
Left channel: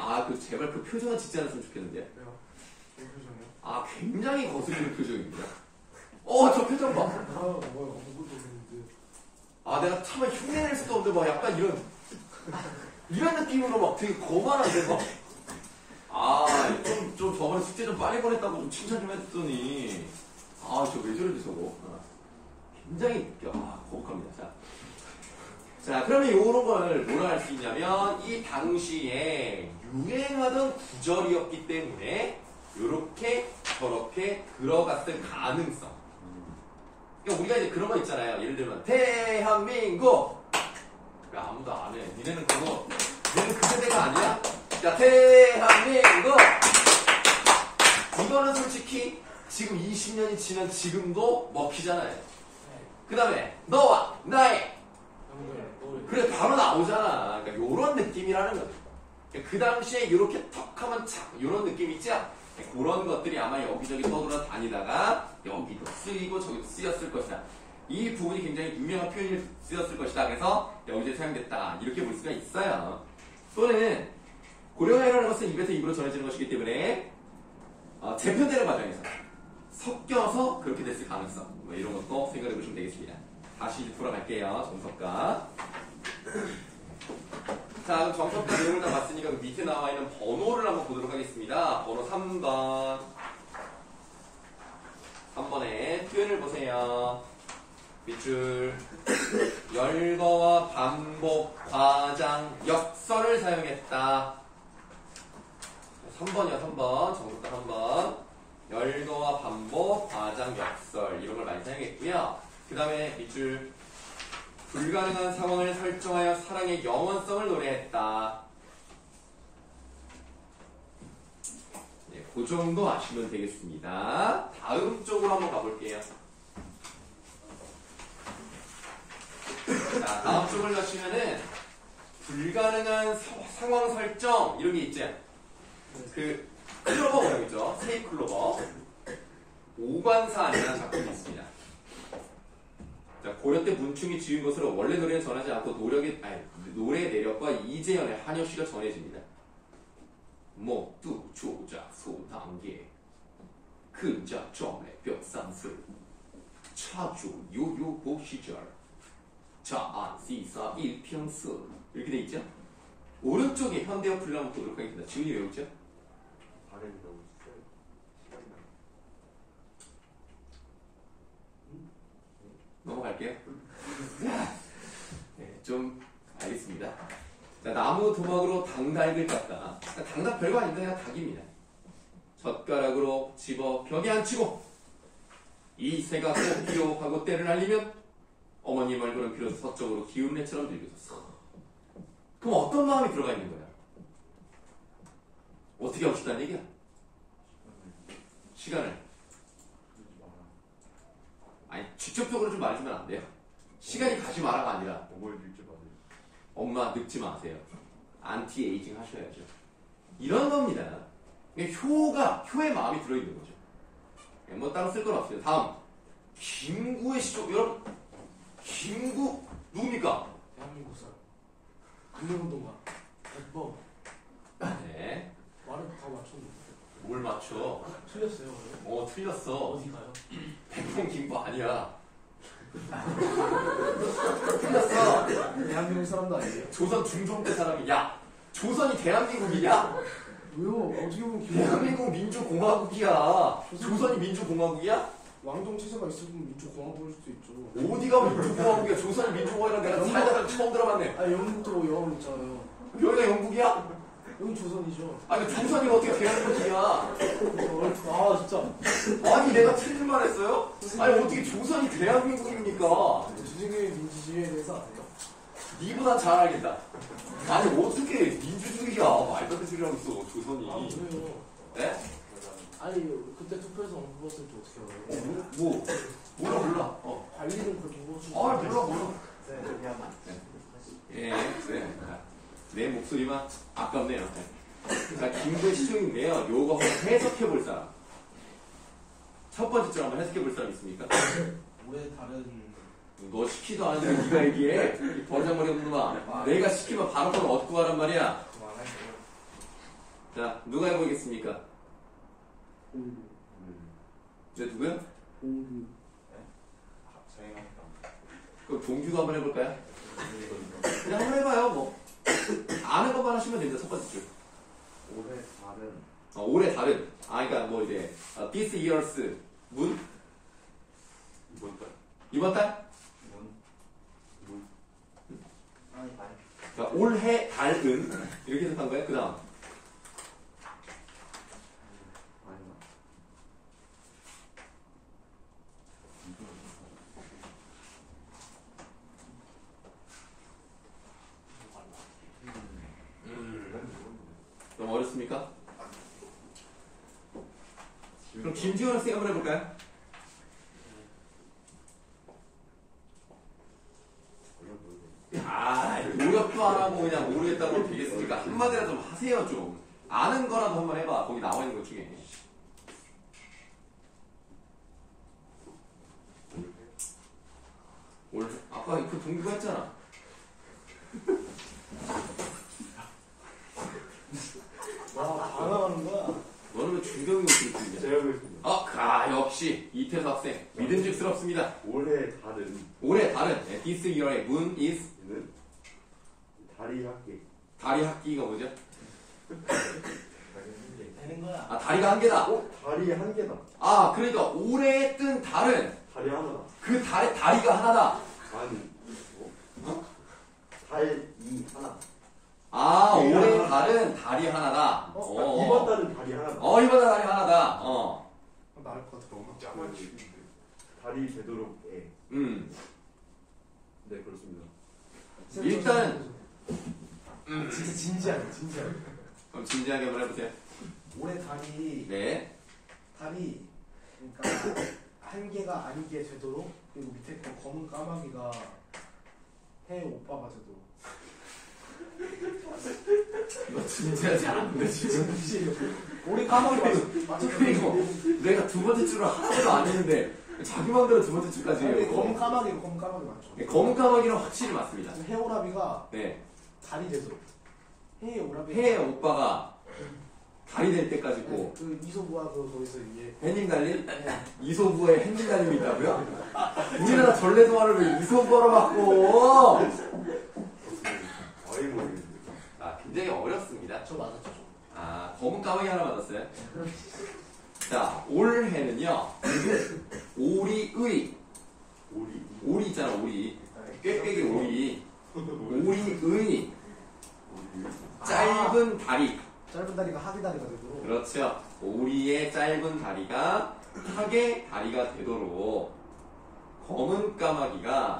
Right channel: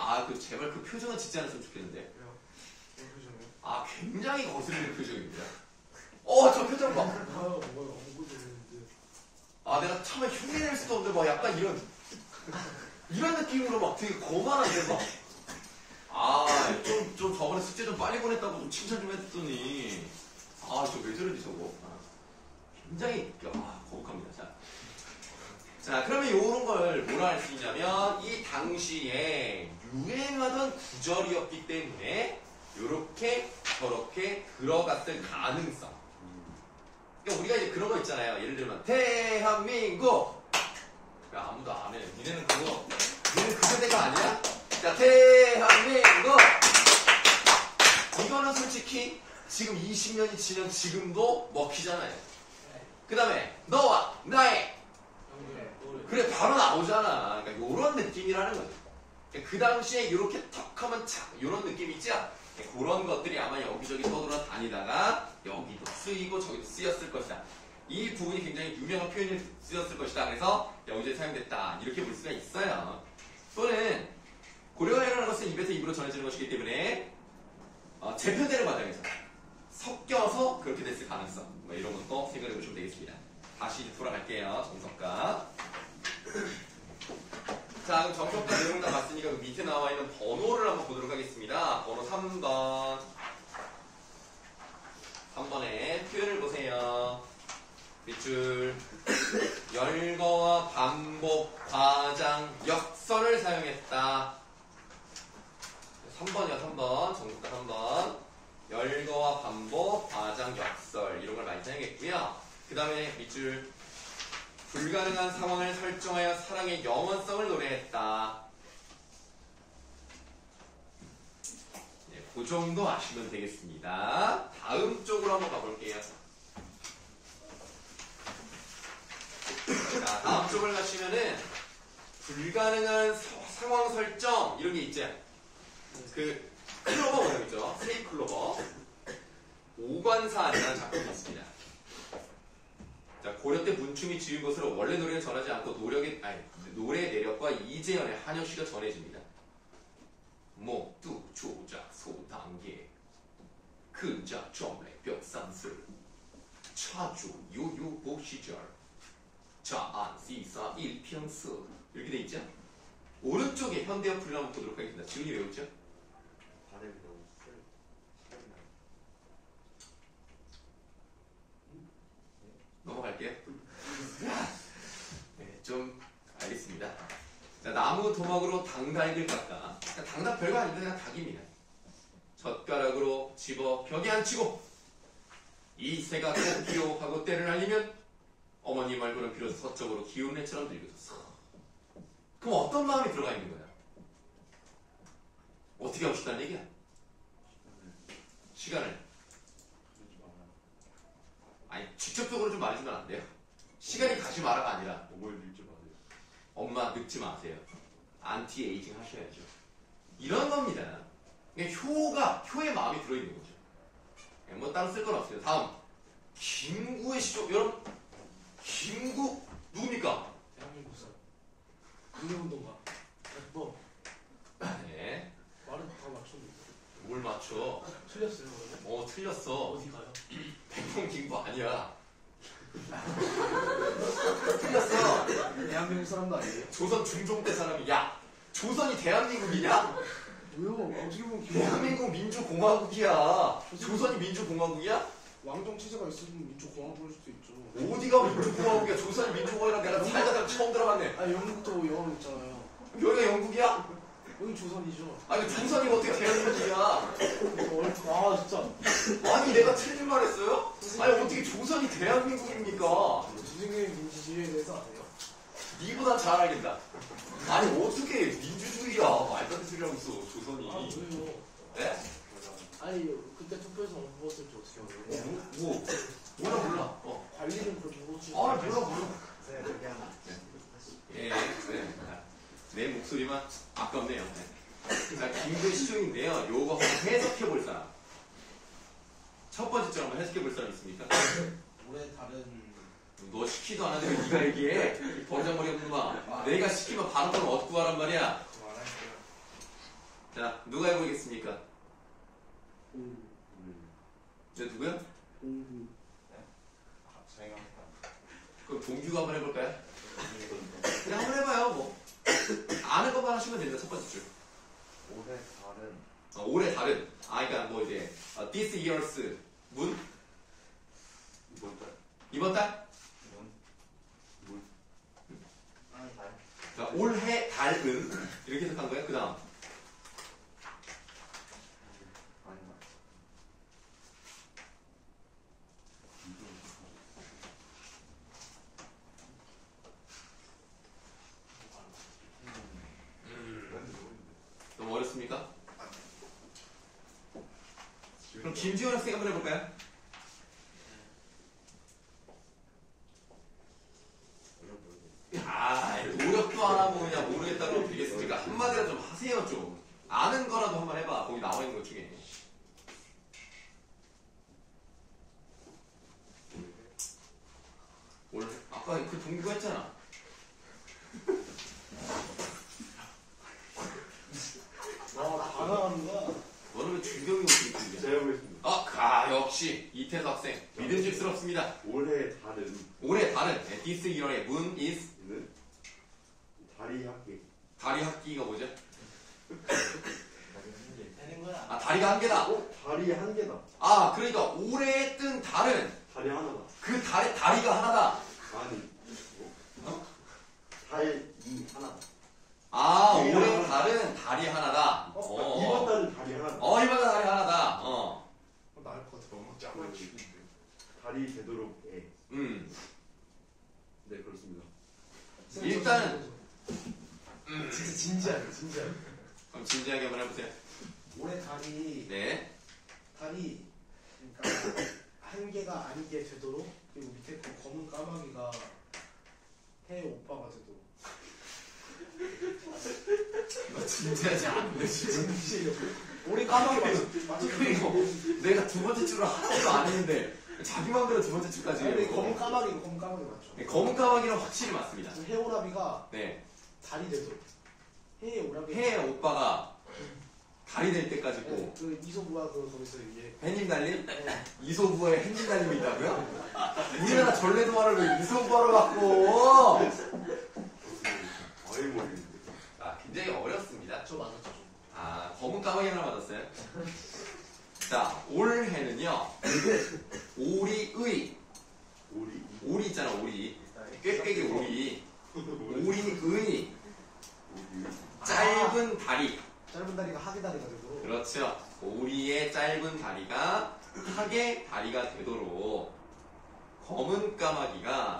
제발 그 표정은 짓지 않았으면 좋겠는데. 왜요? 왜 표정이요? 굉장히 거슬리는 표정입니다. 저 표정 봐. 뭐요? 아무것도 없는데. 내가 참아 흉내낼 수도 없는데 막 약간 이런 느낌으로 막 되게 거만한데 막. 좀 저번에 숙제 좀 빨리 보냈다고 좀 칭찬 좀 했더니 저 왜 저러지 저거. 굉장히 거북합니다. 자, 그러면 이런 걸 뭐라 할 수 있냐면 이 당시에 유행하던 구절이었기 때문에 이렇게 저렇게 들어갔을 가능성. 그러니까 우리가 이제 그런 거 있잖아요. 예를 들면 대한민국. 야, 아무도 안 해. 니네는 그 세대가 아니야? 야, 대한민국. 이거는 솔직히 지금 20년이 지난 지금도 먹히잖아요. 그 다음에 너와 나의 그래 바로 나오잖아. 그러니까 요런 느낌이라는 거죠. 그러니까 그 당시에 이렇게 턱하면 착 요런 느낌 있죠? 그런 것들이 아마 여기저기 떠돌아다니다가 여기도 쓰이고 저기도 쓰였을 것이다. 이 부분이 굉장히 유명한 표현이 쓰였을 것이다. 그래서 여기저기 사용됐다. 이렇게 볼 수가 있어요. 또는 고려어라는 것은 입에서 입으로 전해지는 것이기 때문에 재편되는 과정에서 섞여서 그렇게 됐을 가능성 뭐 이런 것도 생각해 보시면 되겠습니다. 다시 돌아갈게요. 정석가. 자, 그럼 정석가 내용을 다 봤으니까 그 밑에 나와 있는 번호를 한번 보도록 하겠습니다. 번호 3번. 3번에 표현을 보세요. 밑줄. 열거와 반복, 과장, 역설을 사용했다. 3번이요, 3번. 정석가 3번. 열거와 반복, 과장, 역설 이런 걸 많이 사용했고요. 그 다음에 밑줄. 불가능한 상황을 설정하여 사랑의 영원성을 노래했다. 네, 그 정도 아시면 되겠습니다. 다음 쪽으로 한번 가볼게요. 자, 다음 쪽을 가시면은 불가능한 상황 설정 이런 게 있죠. 그 클로버 모양이죠. 세이 클로버. 오관사이라는 작품이 있습니다. 자, 고려 때 문충이 지은 것으로 원래 노래는 전하지 않고 노래의 내력과 이재현의 한여시가 전해집니다. 목두 조작 소단계 근자 점례 벽산술 차주 요요복 시절 자안 시사 일평스 이렇게 돼 있죠? 오른쪽에 현대어 풀을 한번 보도록 하겠습니다. 지훈이 외우죠? 발음이 너무 시간이 나. 넘어갈게요. 네, 좀 알겠습니다. 자, 나무 도막으로 당닭을 깎아. 당닭 별거 아닙니다. 그냥 닭입니다. 젓가락으로 집어 벽에 앉히고 이 새가 꼭 하고 때를 날리면 어머니 말고는 비로소 서쪽으로 기운 해처럼 들려서. 그럼 어떤 마음이 들어가 있는 거야? 어떻게 하고 싶다는 얘기야? 시간을. 아니, 직접적으로 좀 말해주면 안 돼요? 시간이 가지 마라가 아니라 어머니 읽지 마세요. 엄마 늙지 마세요. 안티 에이징 하셔야죠. 이런 겁니다. 효의 마음이 들어있는 거죠. 뭐 따로 쓸 건 없어요. 다음 김구의 시조. 여러분 김구 누굽니까? 대한민국 사람. 국민운동가. 뭐 네. 말은 다 맞췄는데. 뭘 맞춰? 틀렸어요. 틀렸어. 어디 가요? 백봉 김구 아니야. 틀렸어. 대한민국 사람도 아니에요. 조선 중종 때 사람이 야 조선이 대한민국이냐? 왜요? 어떻게 보면 대한민국 민주공화국이야. 조선이 민주공화국이야? 왕정 체제가 있으면 민주공화국 부를 수도 있죠. 어디가 민주공화국이야? 조선이 민주공화국이랑 내가 살다가 처음 들어봤네. 영국도 영국 있잖아요. 여기가 영국이야? 여기 조선이죠. 아니 조선이 어떻게 대한민국이야? 아 진짜. 아니 내가 틀린 말 했어요? 아니 어떻게 조선이 대한민국입니까? 조직의 민주주의에 대해서 아세요? 니보다 잘 알겠다. 아니 어떻게 민주주의야? 말도 안 되는 소리 하고 있어 조선이. 아 왜요? 네? 아니 그때 투표에서 안 뽑았을 때 어떻게 알아요? 몰라. 관리는 그렇게 해보지. 아 몰라. 네, 미안합니다. 예, 네. 내 목소리만 아깝네요. 자, 김도시 중인데요. 요거 한번 해석해 볼 사람. 첫 번째 줄 한번 해석해 볼 사람 있습니까? 올해 다른 너 시키도 않았는데 네가 얘기해. 이 버장머리 없는 놈아. 내가 시키면 바로 바로 얻고 하란 말이야. 자, 누가 해보겠습니까? 공부. 저 누구야? 공부. 그럼 동규가 한번 해볼까요? 그냥 한번 해봐요, 뭐. 아는 것만 하시면 되죠, 첫 번째 줄. 올해 다른 올해 다른. 그러니까 뭐 이제, this year's 문? 이번 달 이번 달? 아니 자, 올해 달은. 이렇게 해석한 거예요, 그 다음. 너무 어렵습니까? 그럼 김지원 학생 한번 해볼까요? 노력도 안 하고 그냥 모르겠다고 되겠습니까? 한마디라도 좀 하세요, 좀. 아는 거라도 한번 해봐. 거기 나와 있는 것 중에. 올해 아까 그 동규가 했잖아. 와, 다 나가는 거야. 너는 왜 중경이 어떻게 들리냐? 제가 보겠습니다. 역시 이태수 학생 믿음직스럽습니다. 올해 다른 올해 다른 this year의 moon is 는 다리 학기 다리 학기가 뭐죠? 되는 거야. 다리가 한 개다. 다리 한 개다. 그러니까 올해 뜬 달은 다리 하나다. 그 달의 다리가 하나다. 아니 어? 달이 하나. 올해 달은 달이 하나다. 이번 달은 다리 하나다. 이번 달 달이 하나다. 나을 것 같아. 너무 짜맞추는데. 달이 되도록 해. 네 그렇습니다. 일단은 진짜 진지하게. 그럼 진지하게 한번 해보세요. 올해 달이 네. 그러니까 한 개가 아니게 되도록 그리고 밑에 그 검은 까마귀가 해 오빠가 되도록. 이거 진지하지 않은데 지금. 올해 까마귀 그리고 내가 두 번째 줄을 하나도 안 했는데 자기 마음대로 두 번째 줄까지 해요. 검은 까마귀 맞죠? 네, 검은 까마귀는 확실히 맞습니다. 지금 해오라비가 네. 달이 되도록. 해오라비. 해 오빠가 달이 될 때까지 고 그 이소부와 그 거기서 이게 햇님 달림? 이소부에 햇님 달림이 있다고요? 우리나라 전래동화를 왜 이소부로 바꿔? 아예 모르겠는데. 굉장히 어렵습니다. 저 맞았죠. 검은 까마귀 하나 맞았어요. 자, 올해는요. 오리의 오리 있잖아, 오리. 꾀꾀기 오리. 오리의 짧은 다리. 짧은 다리가 하기 다리가 되도록. 그렇죠. 오리의 짧은 다리가 학의 다리가 되도록 검은 까마귀가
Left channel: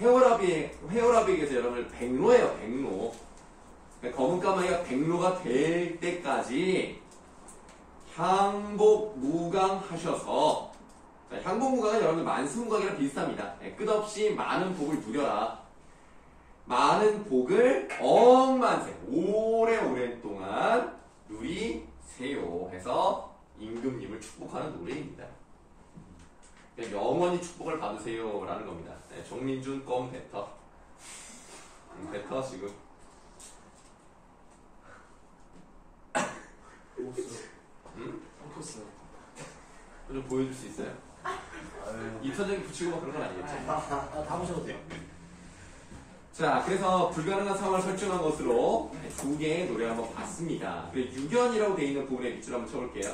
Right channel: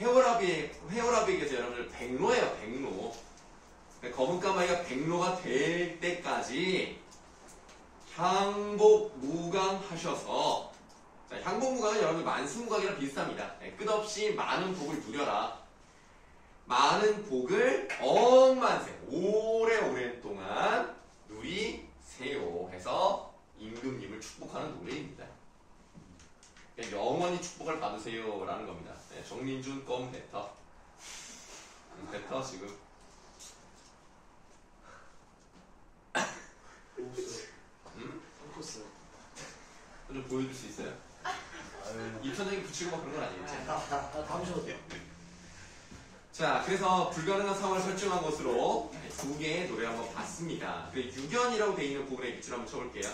헤어라비에게서 여러분들 백로예요, 백로. 검은 까마귀가 백로가 될 때까지 향복무강하셔서, 향복무강은 여러분 만수무강이랑 비슷합니다. 끝없이 많은 복을 누려라. 많은 복을 억만세 오래오랜 동안 누리세요 해서 임금님을 축복하는 노래입니다. 영원히 축복을 받으세요 라는 겁니다. 정민준 껌 뱉어. 뱉어 지금. 섞였어요. 좀 보여줄 수 있어요? 입천장에 붙이고 막 그런 건 아니겠지? 다 보셔도 돼요. 자, 그래서 불가능한 상황을 설정한 것으로 두 개의 노래를 한번 봤습니다. 그리고 유견이라고 되어 있는 부분에 밑줄 한번 쳐볼게요.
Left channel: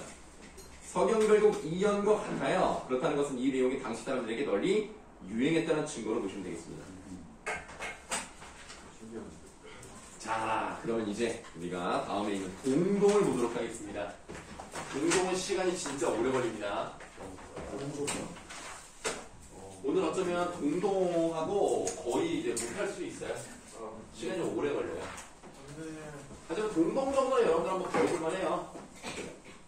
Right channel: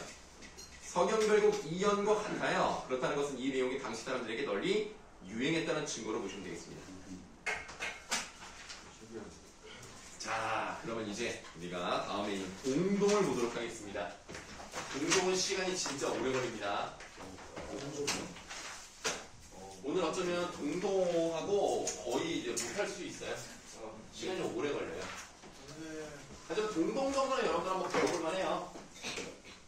서경 결국 이연과 같아요. 그렇다는 것은 이 내용이 당시 사람들에게 널리 유행했다는 증거로 보시면 되겠습니다. 자, 그러면 이제 우리가 다음에 있는 동동을 보도록 하겠습니다. 동동은 시간이 진짜 오래 걸립니다. 오늘 어쩌면 동동하고 거의 이제 못할 수 있어요. 시간이 좀 오래 걸려요. 하지만 동동 정도는 여러분들 한번 배워볼만 해요.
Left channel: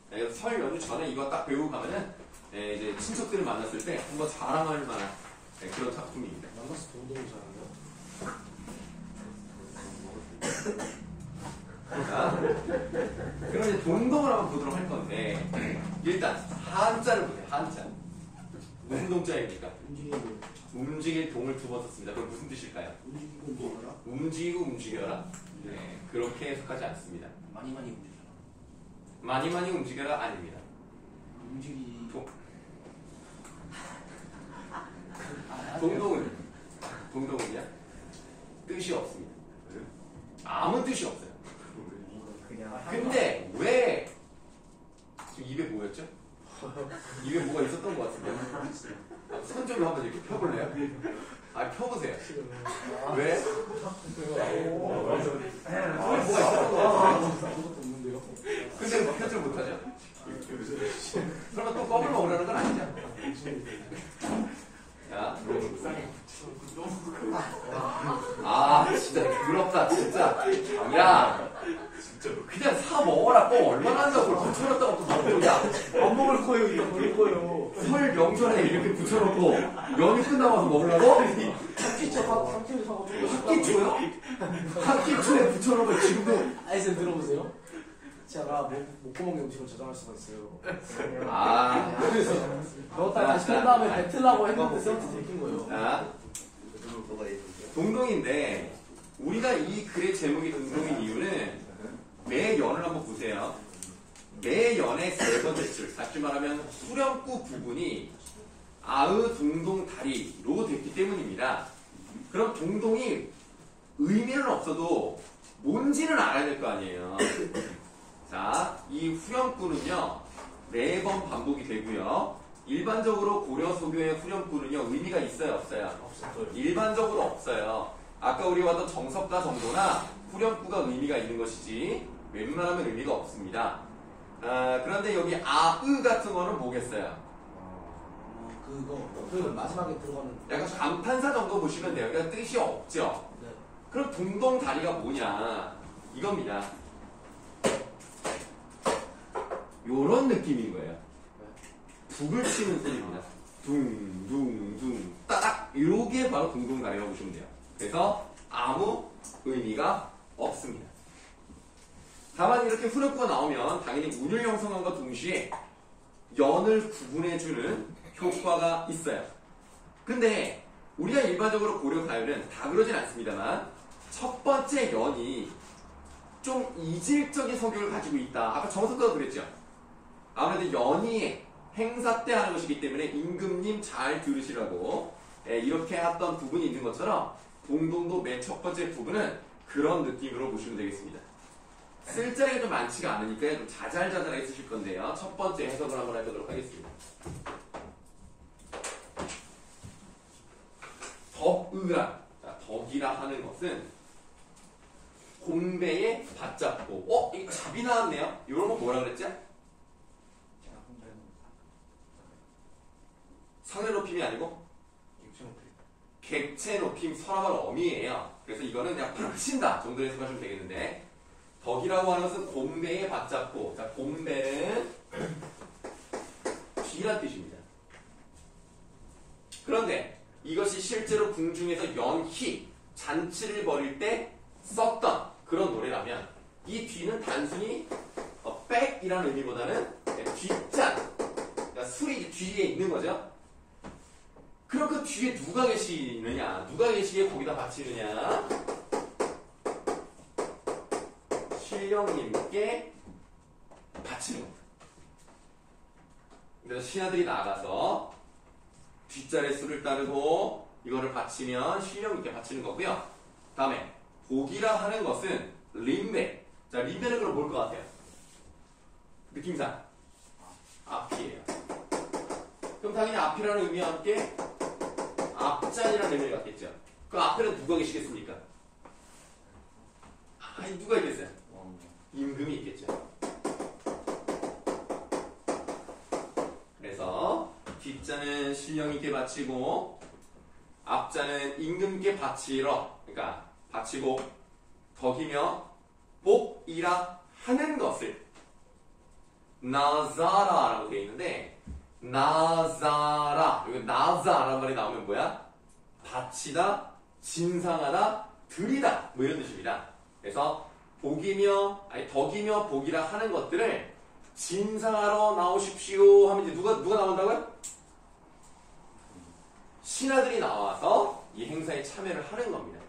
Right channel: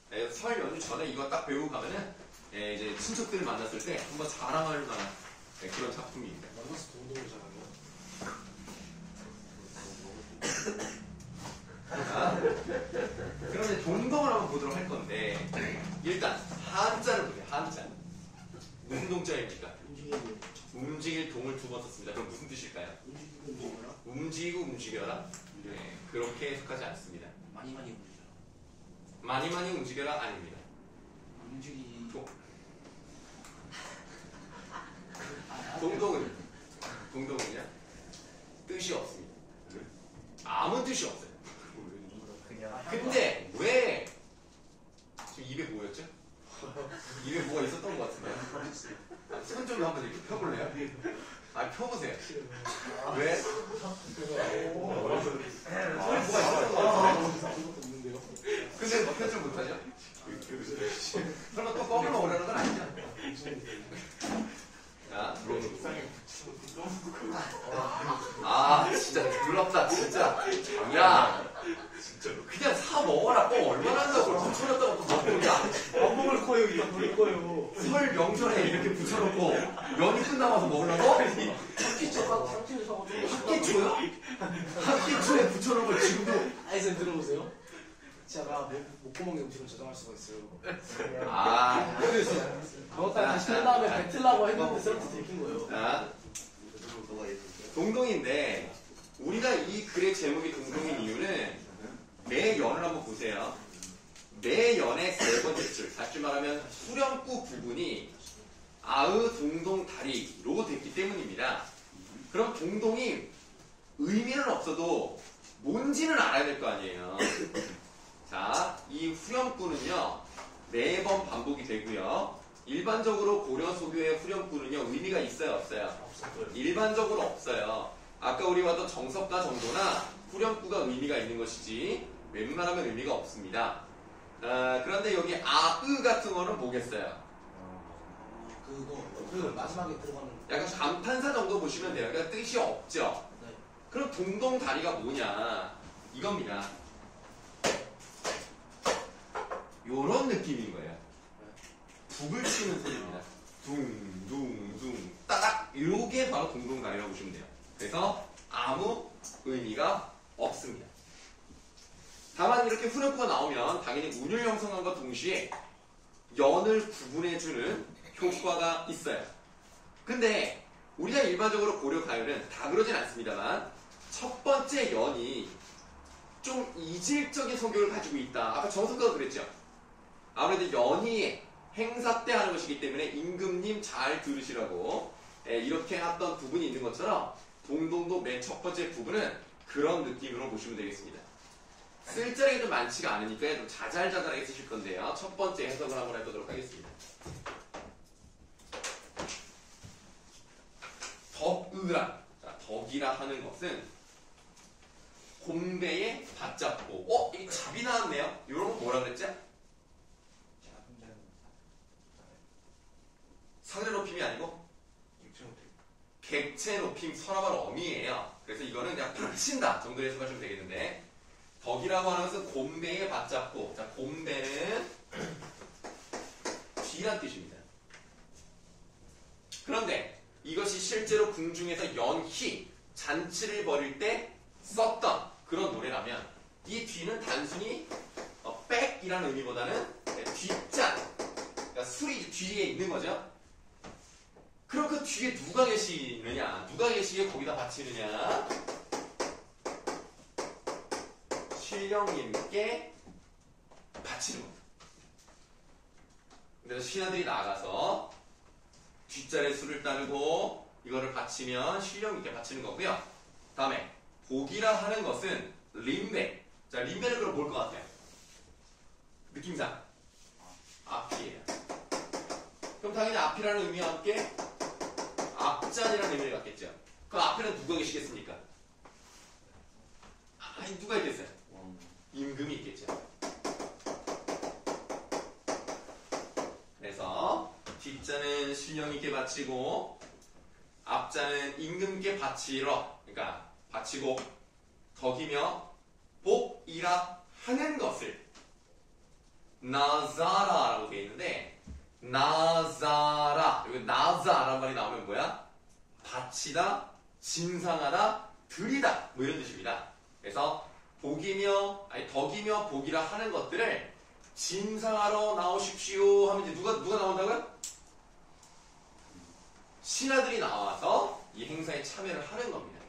네, 설 연휴 전에 이거 딱 배우고 가면은 네, 이제 친척들을 만났을 때 한번 자랑할 만한 네, 그런 작품입니다. 만나서 동동을 잘하네요. 자, 그럼 이제 동동을 한번 보도록 할 건데 일단 한자를 보세요. 한자. 무슨 동자입니까? 움직이고 움직일 동을 두 번 썼습니다. 그럼 무슨 뜻일까요? 움직이고 뭐라? 움직이고 움직여라. 네, 그렇게 해석하지 않습니다. 많이 움직여라. 많이 많이 움직여라 아닙니다. 움직이. 동동은요? 뜻이 없습니다. 아무 뜻이 없어요. 그냥. 근데 왜 지금 입에 뭐였죠? 입에 뭐가 있었던 것 같은데. 손절로 한번 이렇게 펴볼래요? 아, 펴보세요. 왜? 입에 뭐가 있었던 것 같은데. 아무것도 없는데요. 근데 뭐 편집 못하죠? 설마 또 껌을 먹으려는 건 아니죠? 자, 아, 진짜 더럽다, 진짜. 야, 그냥 사 먹어라. 뻥 얼마나 한다고 붙여놨다가 또 먹고, 야. 안 먹을 거예요. 이거 먹을 거예요. 설 명절에 이렇게 붙여놓고 연휴 끝나가서 먹으려고? 학기초요? 학기초에 붙여놓은 걸 지금도. 아니, 쌤 들어보세요. 제가 목구멍에 음식을 저장할 수가 있어요. 아, 그래서 넣었다가 다시 뺀 다음에 뱉으려고 했는데 쌤한테 들킨 거예요. 자, 동동인데 우리가 이 글의 제목이 동동인 이유는 매 연을 한번 보세요. 매 연의 세 번째 줄, 다시 말하면 후렴구 부분이 아으 동동 다리로 됐기 때문입니다. 그럼 동동이 의미는 없어도 뭔지는 알아야 될 거 아니에요. 자, 이 후렴구는요 매번 반복이 되고요. 일반적으로 고려 소교의 후렴구는요 의미가 있어요, 없어요? 없어요. 일반적으로 없어요. 아까 우리 봤던 정석가 정도나 후렴구가 의미가 있는 것이지 웬만하면 의미가 없습니다. 그런데 여기 아으 같은 거는 뭐겠어요? 그거 마지막에 들어가는. 약간 감탄사 정도 보시면 돼요. 그러니까 뜻이 없죠. 네. 그럼 동동 다리가 뭐냐? 이겁니다. 요런 느낌인 거예요. 북을 치는 소리입니다. 둥둥둥 따닥 요게 바로 동동 다리라고 보시면 돼요. 그래서 아무 의미가 없습니다. 다만 이렇게 후렴구가 나오면 당연히 운율 형성함과 동시에 연을 구분해주는 효과가 있어요. 근데 우리가 일반적으로 고려 가요는 다 그러진 않습니다만 첫 번째 연이 좀 이질적인 성격을 가지고 있다. 아까 정석가가 그랬죠. 아무래도 연이 행사 때 하는 것이기 때문에 임금님 잘 들으시라고 이렇게 했던 부분이 있는 것처럼 동동도 맨 첫 번째 부분은 그런 느낌으로 보시면 되겠습니다. 쓸 자리가 좀 많지가 않으니까 좀 자잘자잘하게 쓰실 건데요. 첫 번째 해석을 한번 해보도록 하겠습니다. 덕의라, 덕이라 하는 것은 곰배에 받잡고 이게 잡이 나왔네요. 이런 거 뭐라 그랬죠? 상대 높임이 아니고 객체 높임 서랍을 어미예요. 그래서 이거는 그냥 받친다 정도 해석하시면 되겠는데 덕이라고 하는 것은 곰배에 받잡고 자 곰배는 뒤란 뜻입니다. 그런데 이것이 실제로 궁중에서 연희 잔치를 벌일 때 썼던 그런 노래라면 이 뒤는 단순히 백이라는 의미보다는 뒷잔 그러니까 술이 뒤에 있는 거죠. 그럼 그 뒤에 누가 계시느냐? 누가 계시기에 거기다 바치느냐? 신령님께 바치는 겁니다. 그래서 신하들이 나가서 뒷자리에 술을 따르고 이거를 바치면 신령님께 바치는 거고요. 다음에 복이라 하는 것은 림배. 자, 림배는 그럼 뭘 것 같아요? 느낌상 앞이에요. 그럼 당연히 앞이라는 의미와 함께 앞잔이라는 의미를 갖겠죠. 그럼 앞에는 누가 계시겠습니까? 아니 누가 있겠어요? 임금이 있겠죠. 그래서 뒷자는 신령 있게 바치고 앞자는 임금께 바치러, 그러니까 바치고 덕이며 복이라 하는 것을 나자라라고 되어 있는데 나자라, 여기 나자라는 말이 나오면 뭐야? 바치다, 진상하다, 드리다 뭐 이런 뜻입니다. 그래서 복이며 아니 덕이며 복이라 하는 것들을 진상하러 나오십시오 하면 이제 누가 나온다고요? 신하들이 나와서 이 행사에 참여를 하는 겁니다.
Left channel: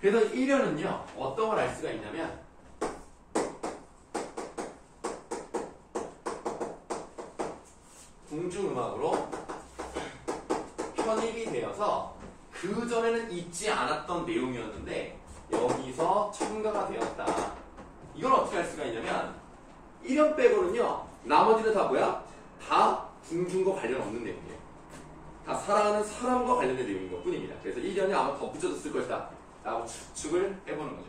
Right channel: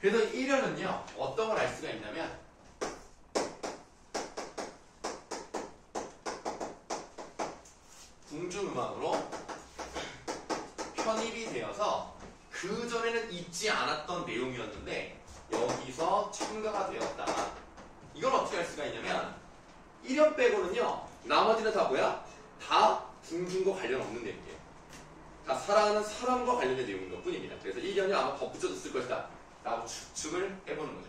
그래서 1년은요 어떤 걸 알 수가 있냐면 궁중음악으로 편입이 되어서 그 전에는 있지 않았던 내용이었는데 여기서 첨가가 되었다. 이걸 어떻게 할 수가 있냐면 1년 빼고는요 나머지는 다 뭐야? 다 궁중과 관련 없는 내용이에요. 다 살아가는 사람과 관련된 내용인 것 뿐입니다. 그래서 1년이 아마 덧붙여졌을 것이다 라고 추측을 해보는 거죠.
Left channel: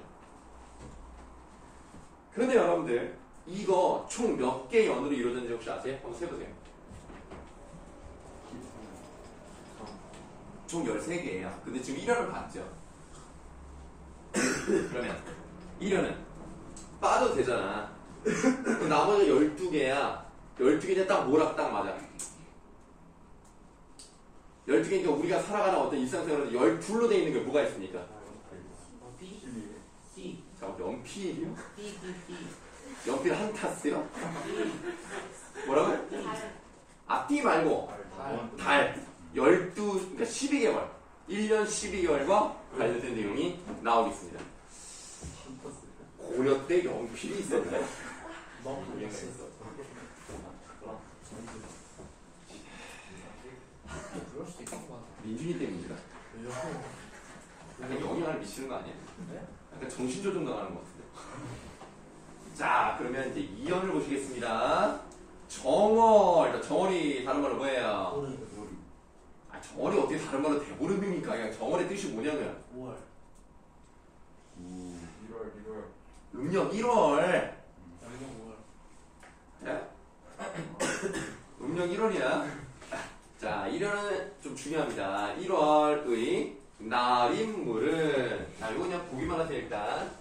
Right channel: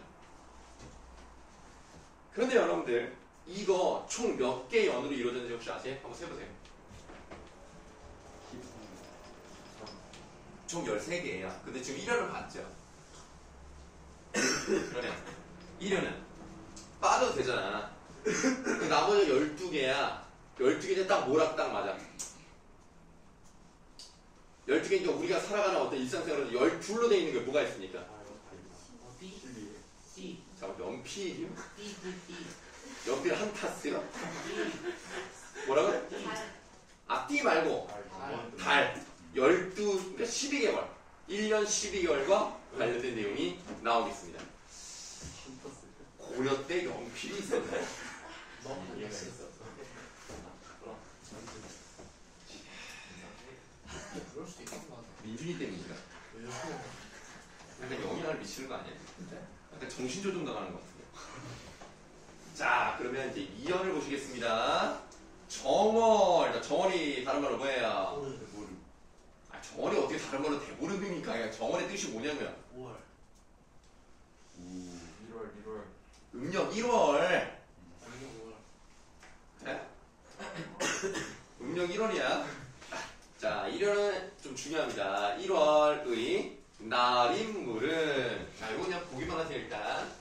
그런데 여러분들 이거 총 몇 개 연으로 이루어졌는지 혹시 아세요? 한번 세보세요. 총 13개예요. 근데 지금 1년을 봤죠. 그러면 1년은 빠져도 되잖아. 나머지 12개야. 12개는 딱 뭐라 딱 맞아. 12개니까 우리가 살아가는 어떤 일상생활은 12로 되어 있는 게 뭐가 있습니까? C. 자, 연필이요? 연필 한 타스요? 뭐라고요? 아, 띠 말고 달 12, 그러니까 12개월 1년 12개월과 관련된 내용이 나오겠습니다. 고려 때 연필이 있었나요? 너무 몰랐어. 그럴 수도 있겠구나. 민준이 때문인가? 약간 영향을 미치는 거 아니야? 약간 정신조종 당하는 것 같은데. 자, 그러면 이제 2연을 보시겠습니다. 정월. 일단 정월이 다른 말로 뭐예요? 아, 정월이 어떻게 다른 말로 대보름입니까? 그냥 정월의 뜻이 뭐냐면 5월. 1월. 음력 1월. 양력 5월. 그래? 음력 1월이야. 자, 1월은 좀 중요합니다. 1월의 날인물은, 자, 이거 그냥 보기만 하세요, 일단.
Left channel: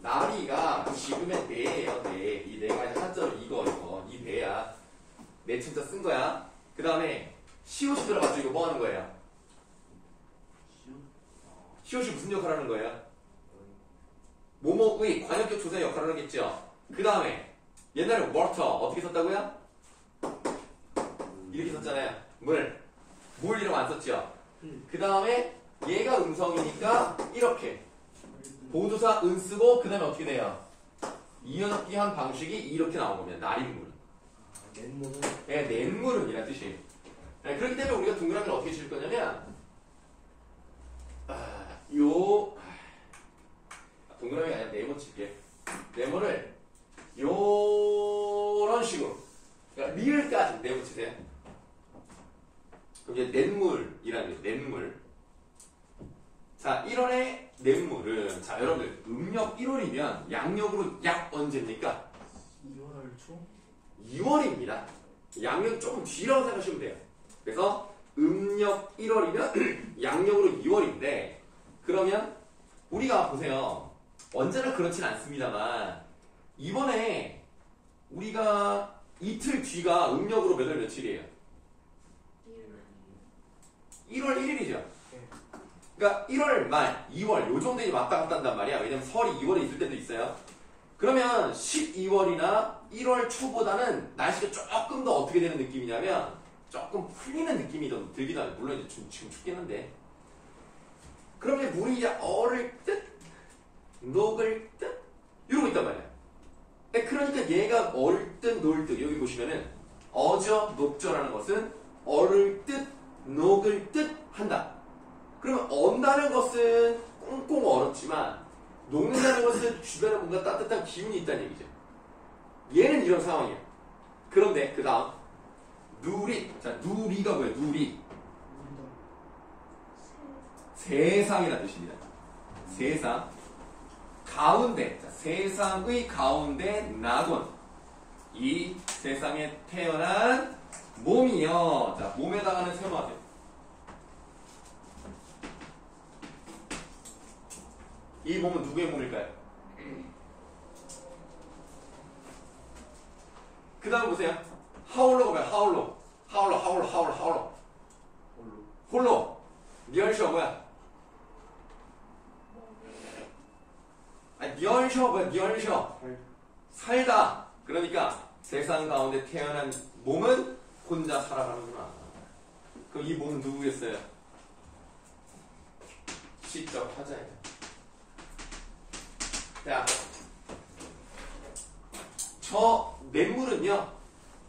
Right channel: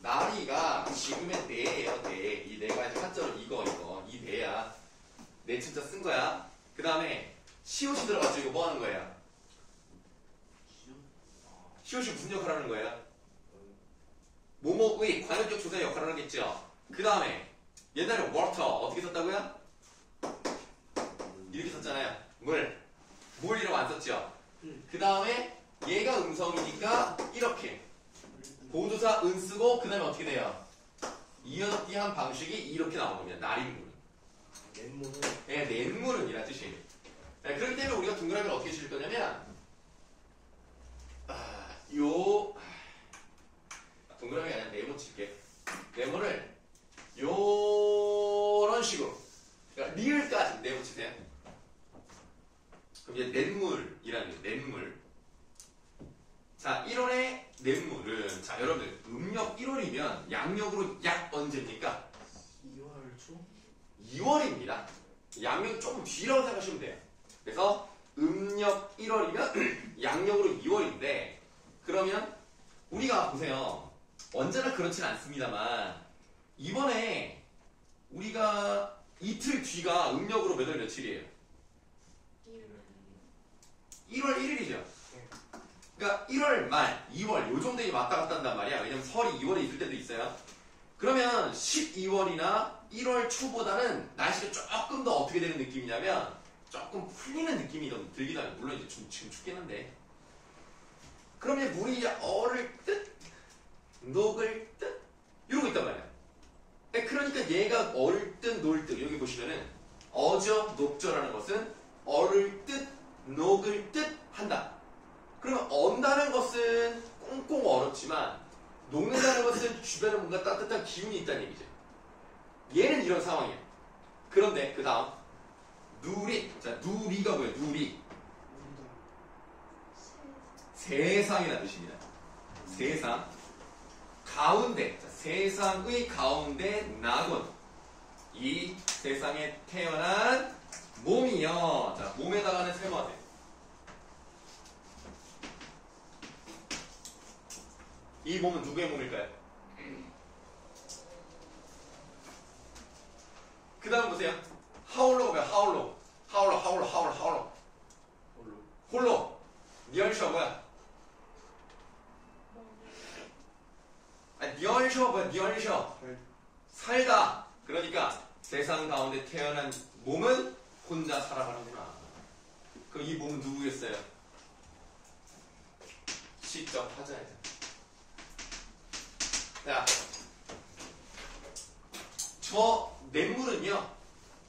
나리가 지금의 내예요, 내. 이 내가 이제 한자로 이거, 이 내야. 내 진짜 쓴 거야. 그 다음에, 시옷이 들어가서 이거 뭐 하는 거예요? 시옷이 무슨 역할을 하는 거예요? 뭐뭐의 관역적 조사의 역할을 하겠죠. 그 다음에, 옛날에 워터 어떻게 썼다고요? 이렇게 썼잖아요. 물이라고 안 썼죠. 그 다음에 얘가 음성이니까 이렇게 보조사 은 쓰고 그 다음에 어떻게 돼요? 이어잡기 한 방식이 이렇게 나온 겁니다. 날인물은. 냇물은 네, 냇물은 이란 뜻이에요. 네, 그렇기 때문에 우리가 동그라미를 어떻게 칠 거냐면 동그라미가 아니라 네모 칠게. 네모를 요런 식으로, 그러니까 리을까지 네모 치세요. 그럼 이제 냇물이라는 게 냇물. 자, 1월의 냇물은, 자, 여러분들 음력 1월이면 양력으로 약 언제입니까? 2월 초? 2월입니다. 양력이 조금 뒤라고 생각하시면 돼요. 그래서 음력 1월이면 양력으로 2월인데, 그러면 우리가 보세요. 언제나 그렇진 않습니다만 이번에 우리가 이틀 뒤가 음력으로 몇 월 며칠이에요? 1월 1일이죠. 그러니까 1월 말, 2월 요 정도에 왔다 갔다 한단 말이야. 왜냐면 설이 2월에 있을 때도 있어요. 그러면 12월이나 1월 초보다는 날씨가 조금 더 어떻게 되는 느낌이냐면 조금 풀리는 느낌이 좀 들기도 하고, 물론 이제 지금 춥긴 한데, 그럼 이제 물이 이제 얼을 듯 녹을 듯 이러고 있단 말이야. 그러니까 얘가 얼 듯 녹을 듯, 여기 보시면은 어저 녹저라는 것은 얼을 듯 녹을 듯 한다. 그러면 언다는 것은 꽁꽁 얼었지만 녹는다는 것은 주변에 뭔가 따뜻한 기운이 있다는 얘기죠. 얘는 이런 상황이에요. 그런데 그 다음 누리. 자, 누리가 뭐예요? 누리. 세상이라는 뜻입니다. 세상. 가운데, 자, 세상의 가운데 나곤. 이 세상에 태어난 몸이요. 자, 몸에다가는 세모하세요. 이 몸은 누구의 몸일까요? 그 다음 보세요. 하울로가 뭐야? 하울로. 홀로. 니얼셔 뭐야? 니얼셔 뭐야? 니얼셔. 살다. 그러니까 세상 가운데 태어난 몸은 혼자 살아가는구나. 그럼 이 몸은 누구겠어요? 시적 화자예요. 자, 저 냇물은요,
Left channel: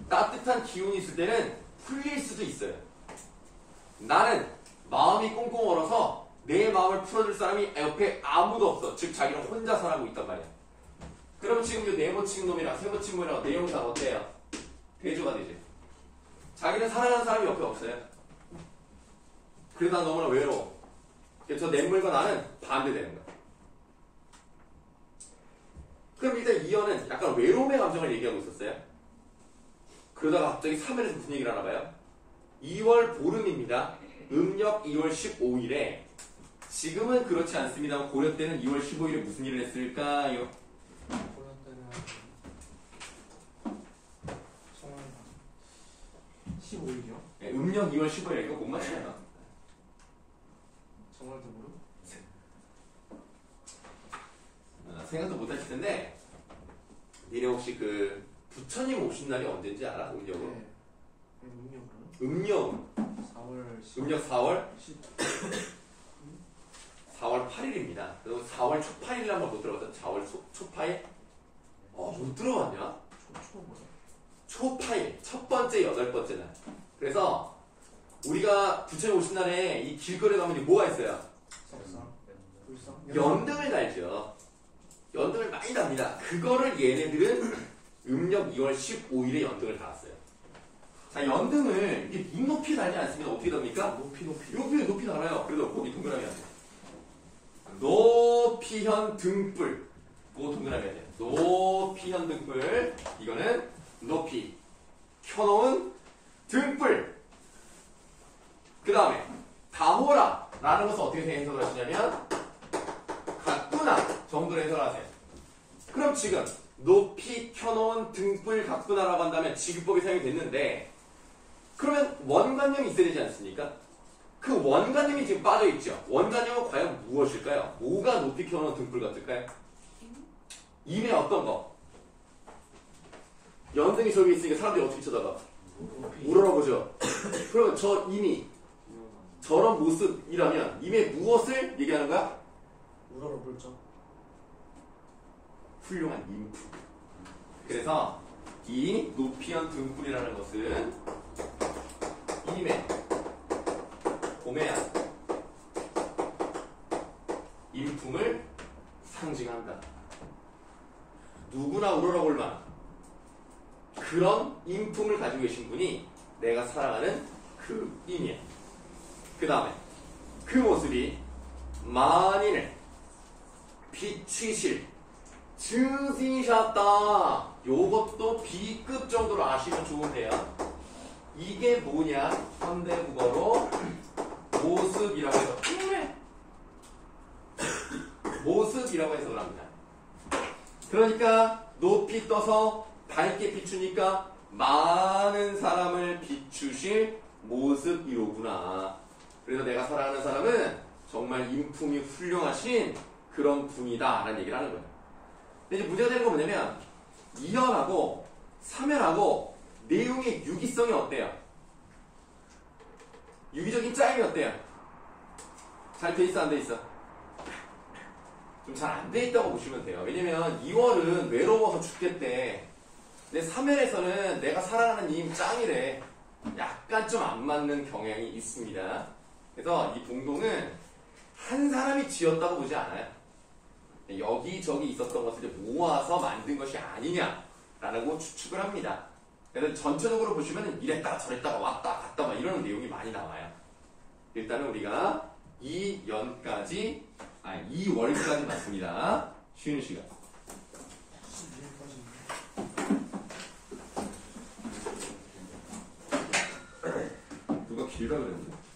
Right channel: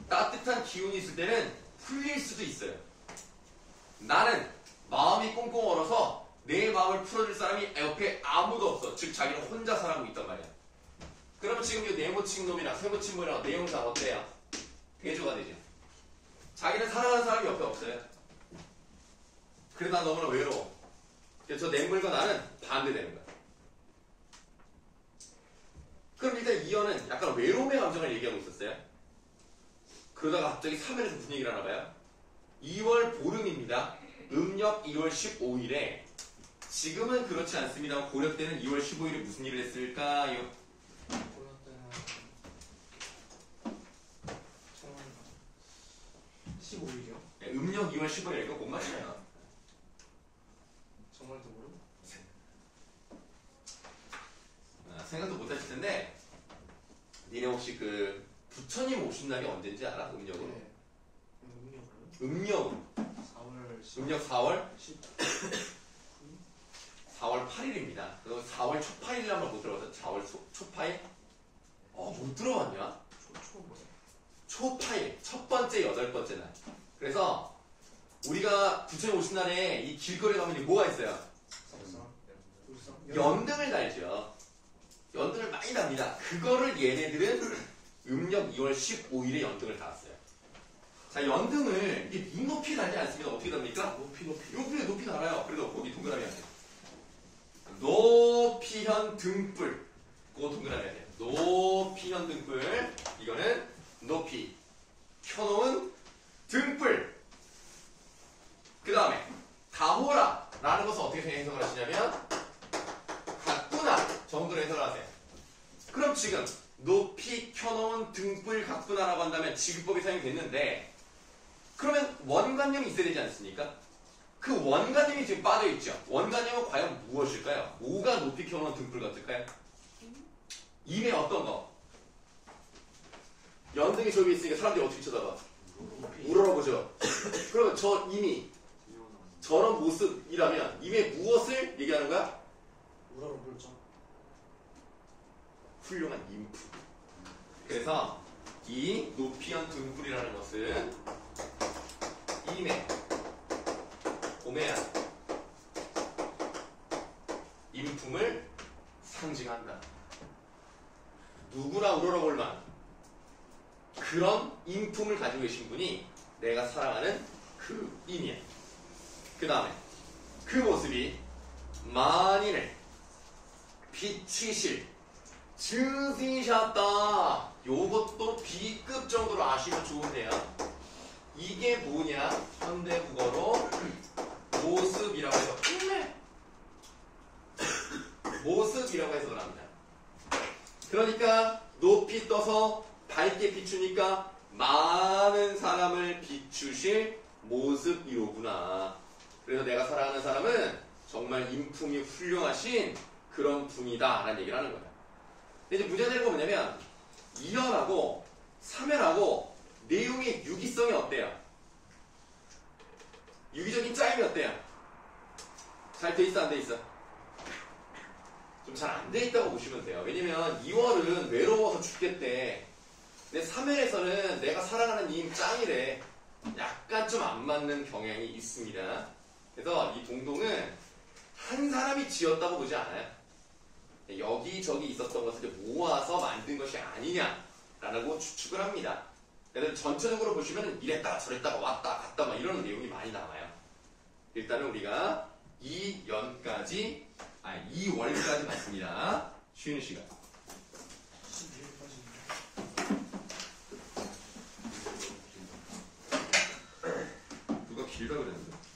따뜻한 기운이 있을 때는 풀릴 수도 있어요. 나는 마음이 꽁꽁 얼어서 내 마음을 풀어줄 사람이 옆에 아무도 없어. 즉 자기는 혼자 살아가고 있단 말이야. 그럼 지금 이 네모친 놈이랑 세모친 놈이랑 내용상 어때요? 대조가 되지. 자기는 사랑하는 사람이 옆에 없어요. 그래도 난 너무나 외로워. 저 냇물과 나는 반대되는 거야. 그럼 일단 이어는 약간 외로움의 감정을 얘기하고 있었어요. 그러다가 갑자기 3월에서 무슨 얘기를 하나 봐요? 2월 보름입니다. 음력 2월 15일에 지금은 그렇지 않습니다. 고려 때는 2월 15일에 무슨 일을 했을까요? 고려 때는 15일이요? 네, 음력 2월 15일 이거 못 맞추잖아. 정말 대보름? 생각도 못 하실 텐데 니네 혹시 그 부처님 오신 날이 언제인지 알아? 음력으로? 네. 음력으로? 음력 4월 10일. 음력 4월 8일입니다. 그래서 4월 초파일 한번 못 들어봤어? 4월 초파일? 못 들어봤냐? 초 뭐야? 초파일 첫 번째 여덟 번째 날. 그래서 우리가 부처님 오신 날에 이 길거리에 가면 뭐가 있어요? 석상? 불상? 연등을 달죠. 연등을 많이 답니다. 그거를 얘네들은 음력 2월 15일에 연등을 달았어요. 자, 연등을 이게 눈높이 달지 않습니다. 어떻게 답니까? 높이. 높이 달아요. 그래도 거기 동그라미 하세요. 높이현 등불. 그거 동그라미 하세요. 높이현 등불. 이거는 높이 켜놓은 등불. 그 다음에 가호라 라는 것을 어떻게 해석을 하시냐면 가꾸나 정도로 해석을 하세요. 그럼 지금 높이 켜놓은 등불 가꾸나라고 한다면 지급법이 사용이 됐는데 그러면 원관념이 있어야 되지 않습니까? 그 원관념이 지금 빠져있죠. 원관념은 과연 무엇일까요? 뭐가 높이 켜놓은 등불 같을까요? 임의 어떤 거? 연등이 저기 있으니까 사람들이 어떻게 쳐다봐? 우러러보죠. 그러면 저 임이 저런 모습이라면 임의 무엇을 얘기하는 거야? 우러러볼죠. 훌륭한 인품. 그래서 이 높이현 등불이라는 것은 임의 고매한 인품을 상징한다. 누구나 우러러볼만 그런 인품을 가지고 계신 분이 내가 사랑하는 그 임이에요. 그 다음에 그 모습이 만인을 비치실 증지셨다. 요것도 B급 정도로 아시면 좋은데요. 이게 뭐냐? 현대국어로 모습이라고 해서 모습이라고 해석을 합니다. 그러니까 높이 떠서 밝게 비추니까 많은 사람을 비추실 모습이로구나. 그래서 내가 사랑하는 사람은 정말 인품이 훌륭하신 그런 분이다 라는 얘기를 하는 거예요. 근데 이제 문제가 되는 건 뭐냐면 2연하고 3연하고 내용의 유기성이 어때요? 유기적인 짜임이 어때요? 잘 돼 있어 안 돼 있어? 좀 잘 안 돼 있다고 보시면 돼요. 왜냐면 2월은 외로워서 죽겠대. 근데 3월에서는 내가 사랑하는 임 짱이래. 약간 좀 안 맞는 경향이 있습니다. 그래서 이 동동은 한 사람이 지었다고 보지 않아요. 여기저기 있었던 것을 이제 모아서 만든 것이 아니냐라고 추측을 합니다. 그래서 전체적으로 보시면 이랬다가 저랬다가 왔다 갔다 막 이런 내용이 많이 나와요. 일단은 우리가 2월까지 맞습니다. 쉬는 시간. 누가 길다 그랬는데?